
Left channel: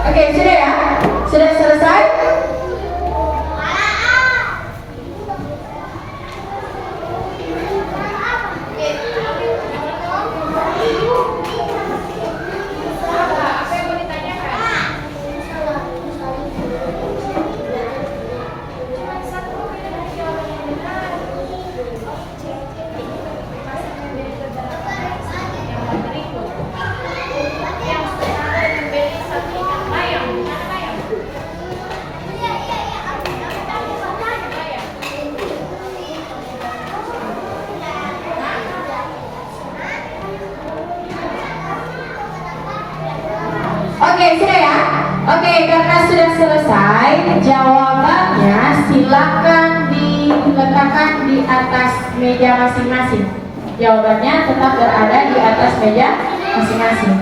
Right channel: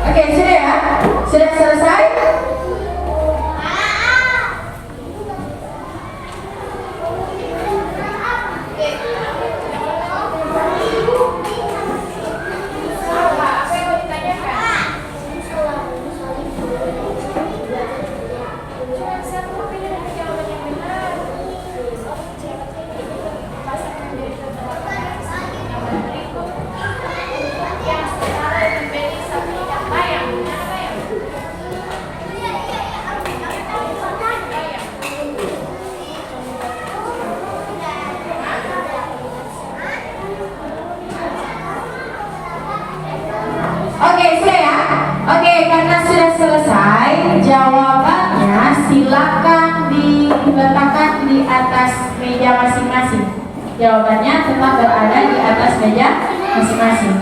Oke, sudah ya? Sudah selesai? Apa yang mau ditanyakan? Satu pilihan jawaban yang benar. Pasangan dari beberapa gambar berikut. Yang secara diberi satu ikan bayang. Mana bayang? Bayang. Oke, sudah ya? Oke, karena sudah selesai, jawabannya silakan diletakkan di atas meja masing-masing. Jawabannya tetap berada di atas meja masing-masing.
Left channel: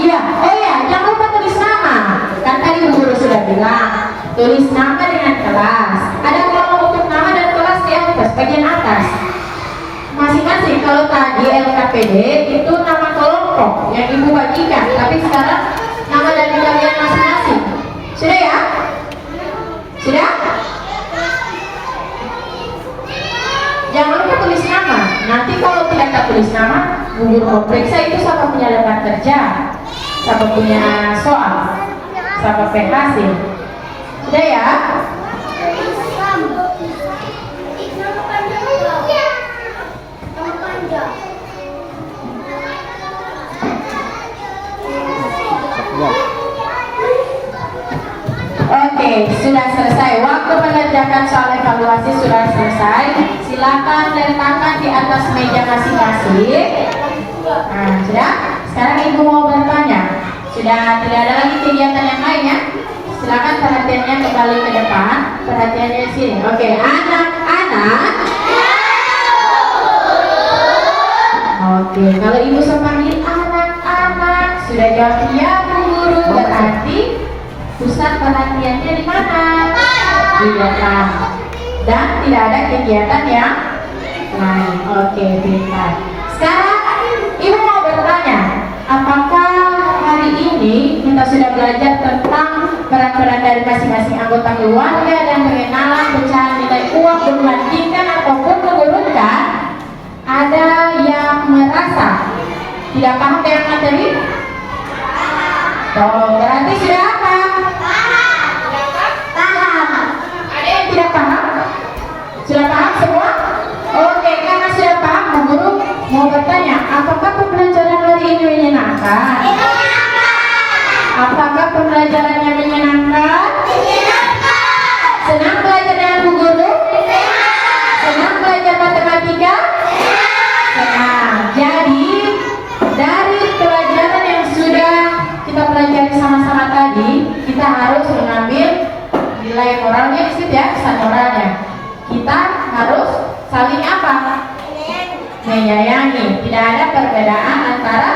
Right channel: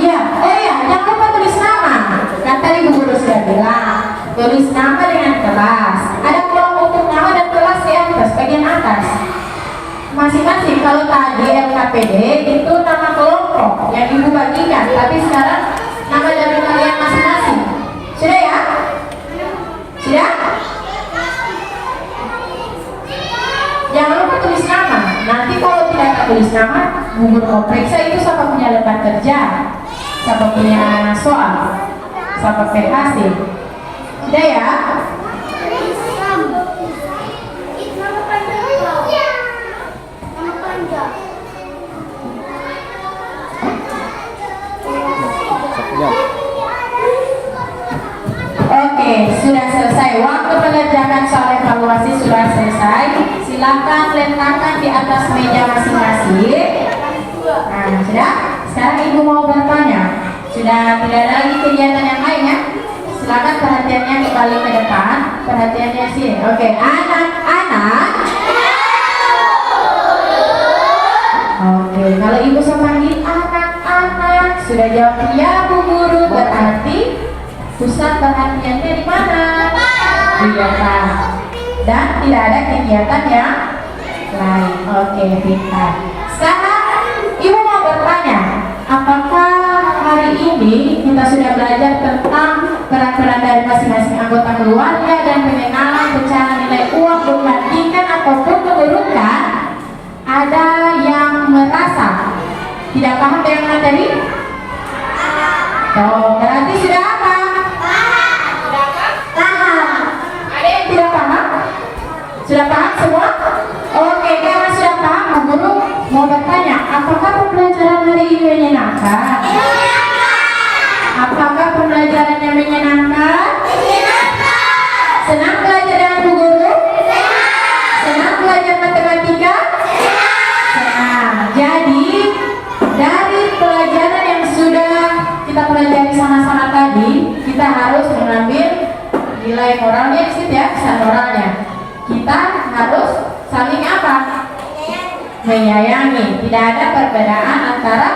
Iya, oh iya, jangan lupa tulis nama. Kan tadi Bu Guru sudah bilang, tulis nama dengan kelas. Ada kolom untuk nama dan kelas di atas, bagian atas. Masing-masing, kalau tadi LKPD itu nama kelompok yang Ibu bagikan, tapi sekarang nama dan kalian masing-masing. Sudah ya? Sudah? Jangan lupa tulis nama. Nanti kalau tidak tulis nama, Bu Guru mau periksa itu siapa punya lembar kerja, siapa punya soal, siapa PHC. Sudah ya? Oke, sudah selesai. Waktu mengerjakan soal evaluasi sudah selesai. Silakan letakkan di atas meja masing-masing. Nah, sudah? Sekarang Ibu mau bertanya. Sudah tidak ada lagi kegiatan yang lain ya? Silakan perhatiannya kembali ke depan. Perhatiannya di sini. Oke, anak-anak. Oke, kalau Ibu saya panggil anak-anak, sudah jawab ya Bu Guru, berarti pusat perhatiannya di mana? Di depan. Dan tidak ada kegiatan yang lain. Oke, pintar. Sekarang Ibu mau bertanya, apakah hari ini kita sudah belajar tentang peran-peran dari masing-masing anggota keluarga dan pengenalan pecahan nilai uang membandingkan ataupun menurunkan? Ada yang merasa tidak paham dengan materi? Oh, berarti sudah apa? Paham. Ada yang tidak paham? Sudah paham semua? Oke, karena sudah paham, Bu Guru mau bertanya, apakah pembelajaran hari ini menyenangkan? Apakah pembelajarannya menyenangkan? Senang belajar dengan Bu Guru? Senang belajar matematika? Senang. Jadi dari pelajaran yang sudah kita pelajari sama-sama tadi, kita harus mengambil nilai moralnya di situ ya, pesan moralnya. Kita harus saling apa? menyayangi. Tidak ada perbedaan antara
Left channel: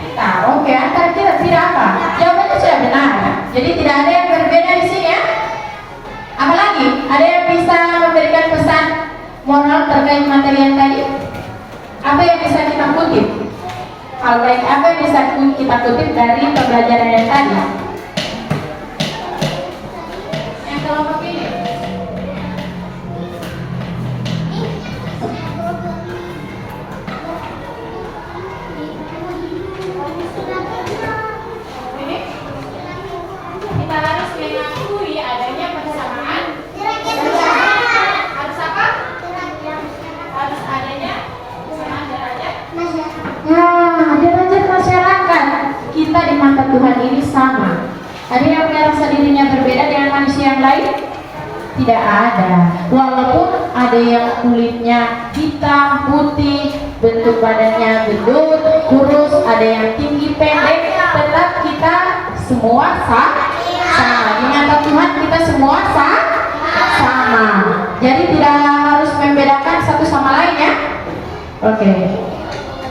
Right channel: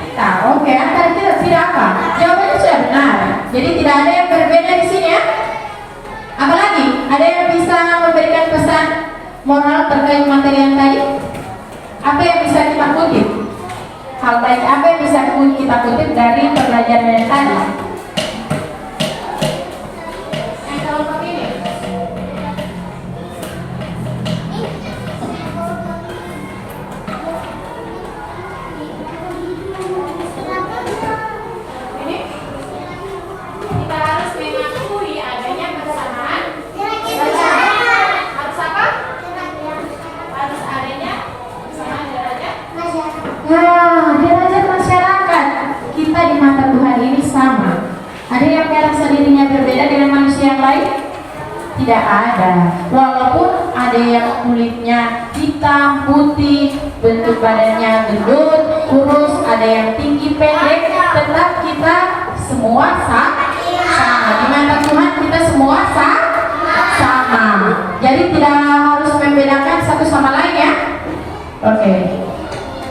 kita. Oke, antara kita tidak apa? Jawabannya sudah benar. Jadi tidak ada yang berbeda di sini ya. Apalagi ada yang bisa memberikan pesan moral terkait materi yang tadi? Apa yang bisa kita kutip? Hal baik apa yang bisa kita kutip dari pembelajaran yang tadi? Yang kelompok ini. Ini kita harus mengakui adanya persamaan. Harus apa? Harus adanya persamaan derajat. Nah, derajat masyarakat kita di mata Tuhan ini sama. Ada yang merasa dirinya berbeda dengan manusia yang lain? Tidak ada. Walaupun ada yang kulitnya hitam, putih, bentuk badannya gendut, kurus, ada yang tinggi, pendek, tetap kita semua sama. Di mata Tuhan kita semua sama. Jadi tidak harus membedakan satu sama lain ya. Oke.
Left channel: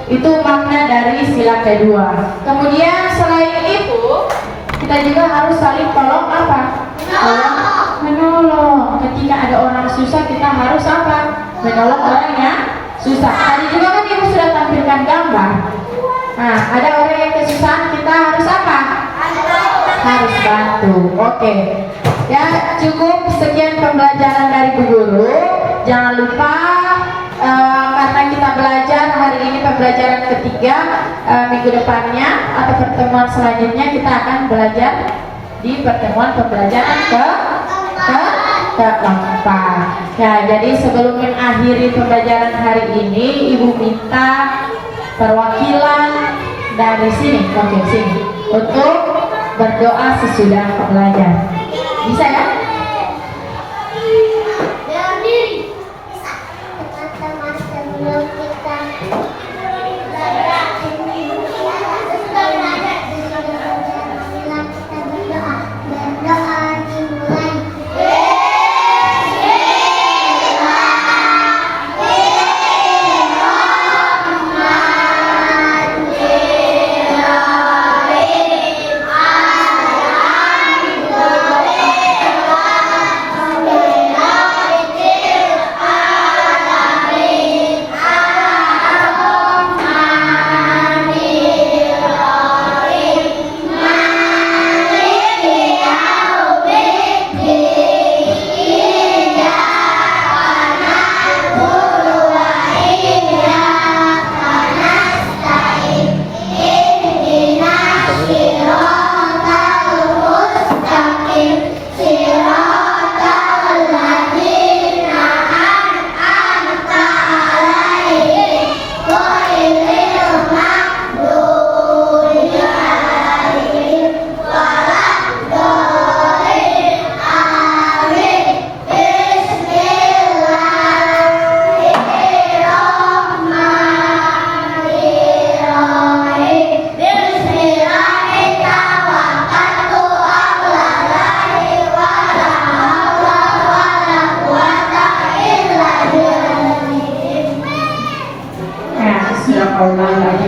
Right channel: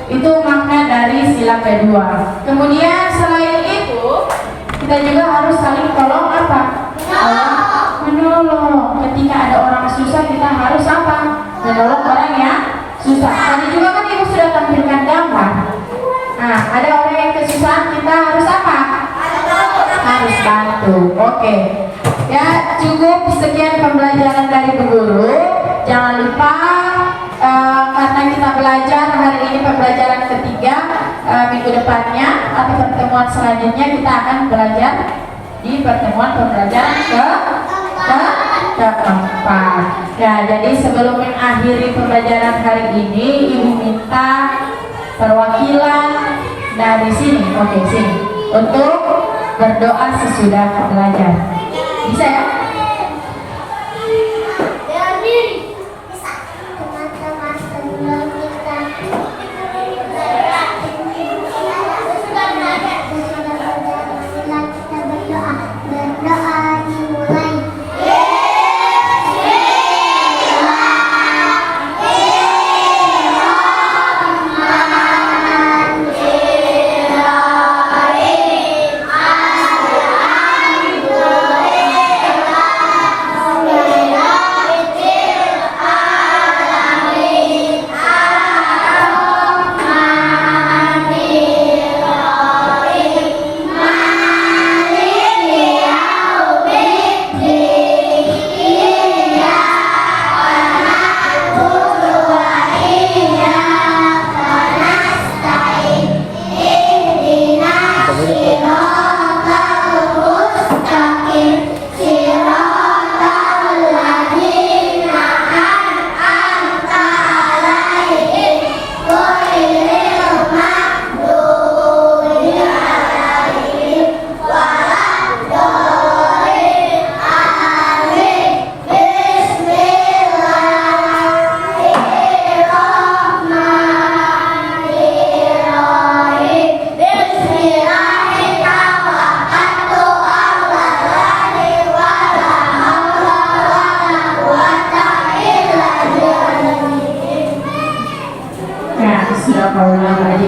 Itu makna dari sila kedua. Kemudian selain itu kita juga harus saling tolong apa? Menolong. Ketika ada orang susah kita harus apa? Menolong orang yang susah. Tadi juga kan ibu sudah tampilkan gambar. Nah, ada orang yang kesusahan kita harus apa? Harus bantu. Oke. Ya, cukup sekian pembelajaran dari Bu Guru. Jangan lupa karena kita belajar hari ini pembelajaran ketiga, minggu depannya atau pertemuan selanjutnya kita akan belajar di pertemuan pembelajaran keempat. Ya, jadi sebelum mengakhiri pembelajaran hari ini, Ibu minta perwakilan dari sini, oke sini, untuk berdoa sesudah belajar. Bisa ya? Teman-teman sebelum kita berdoa dimulai.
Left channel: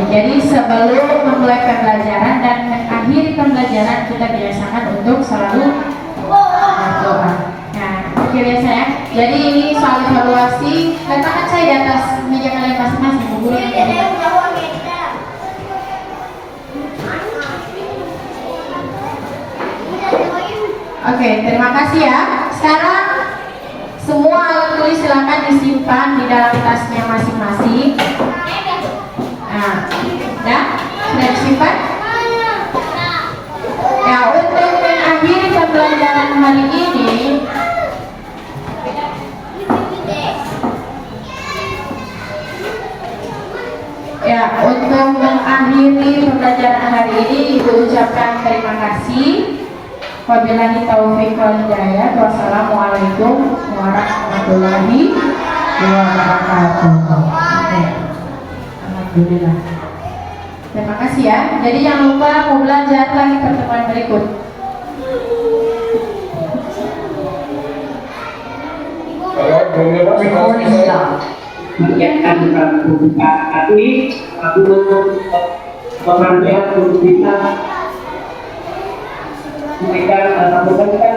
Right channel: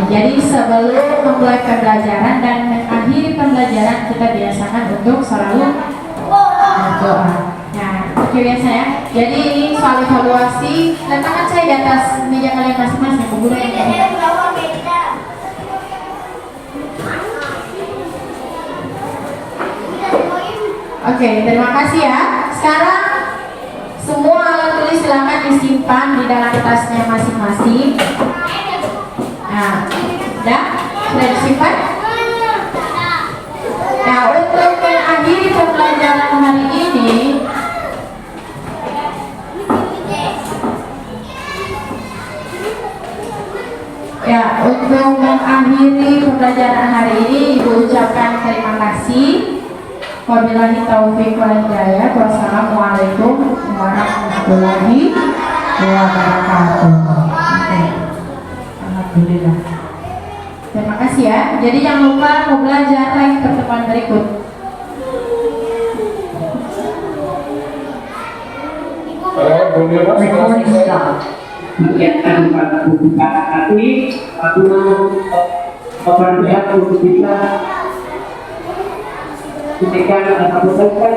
Jadi sebelum memulai pembelajaran dan mengakhiri pembelajaran kita biasakan untuk selalu berdoa. Nah, oke biasa ya. Jadi ini soal evaluasi. Letakkan saya di atas meja kalian masing-masing. Bu Guru. Oke, terima kasih ya. Sekarang semua alat tulis silakan disimpan di dalam tasnya masing-masing. Nah, ya, sudah disimpan? Ya, untuk mengakhiri pembelajaran hari ini, ya, untuk mengakhiri pembelajaran hari ini, Ibu ucapkan terima kasih. Wabillahi taufiq wal hidayah. Wassalamualaikum warahmatullahi wabarakatuh. Alhamdulillah. Terima kasih ya. Jadi jangan lupa mau belajar lagi pertemuan berikut. Kalau bumilwas, Recording stop. menyiapkan buka hati, aku pemerintah untuk bisa memberikan masukan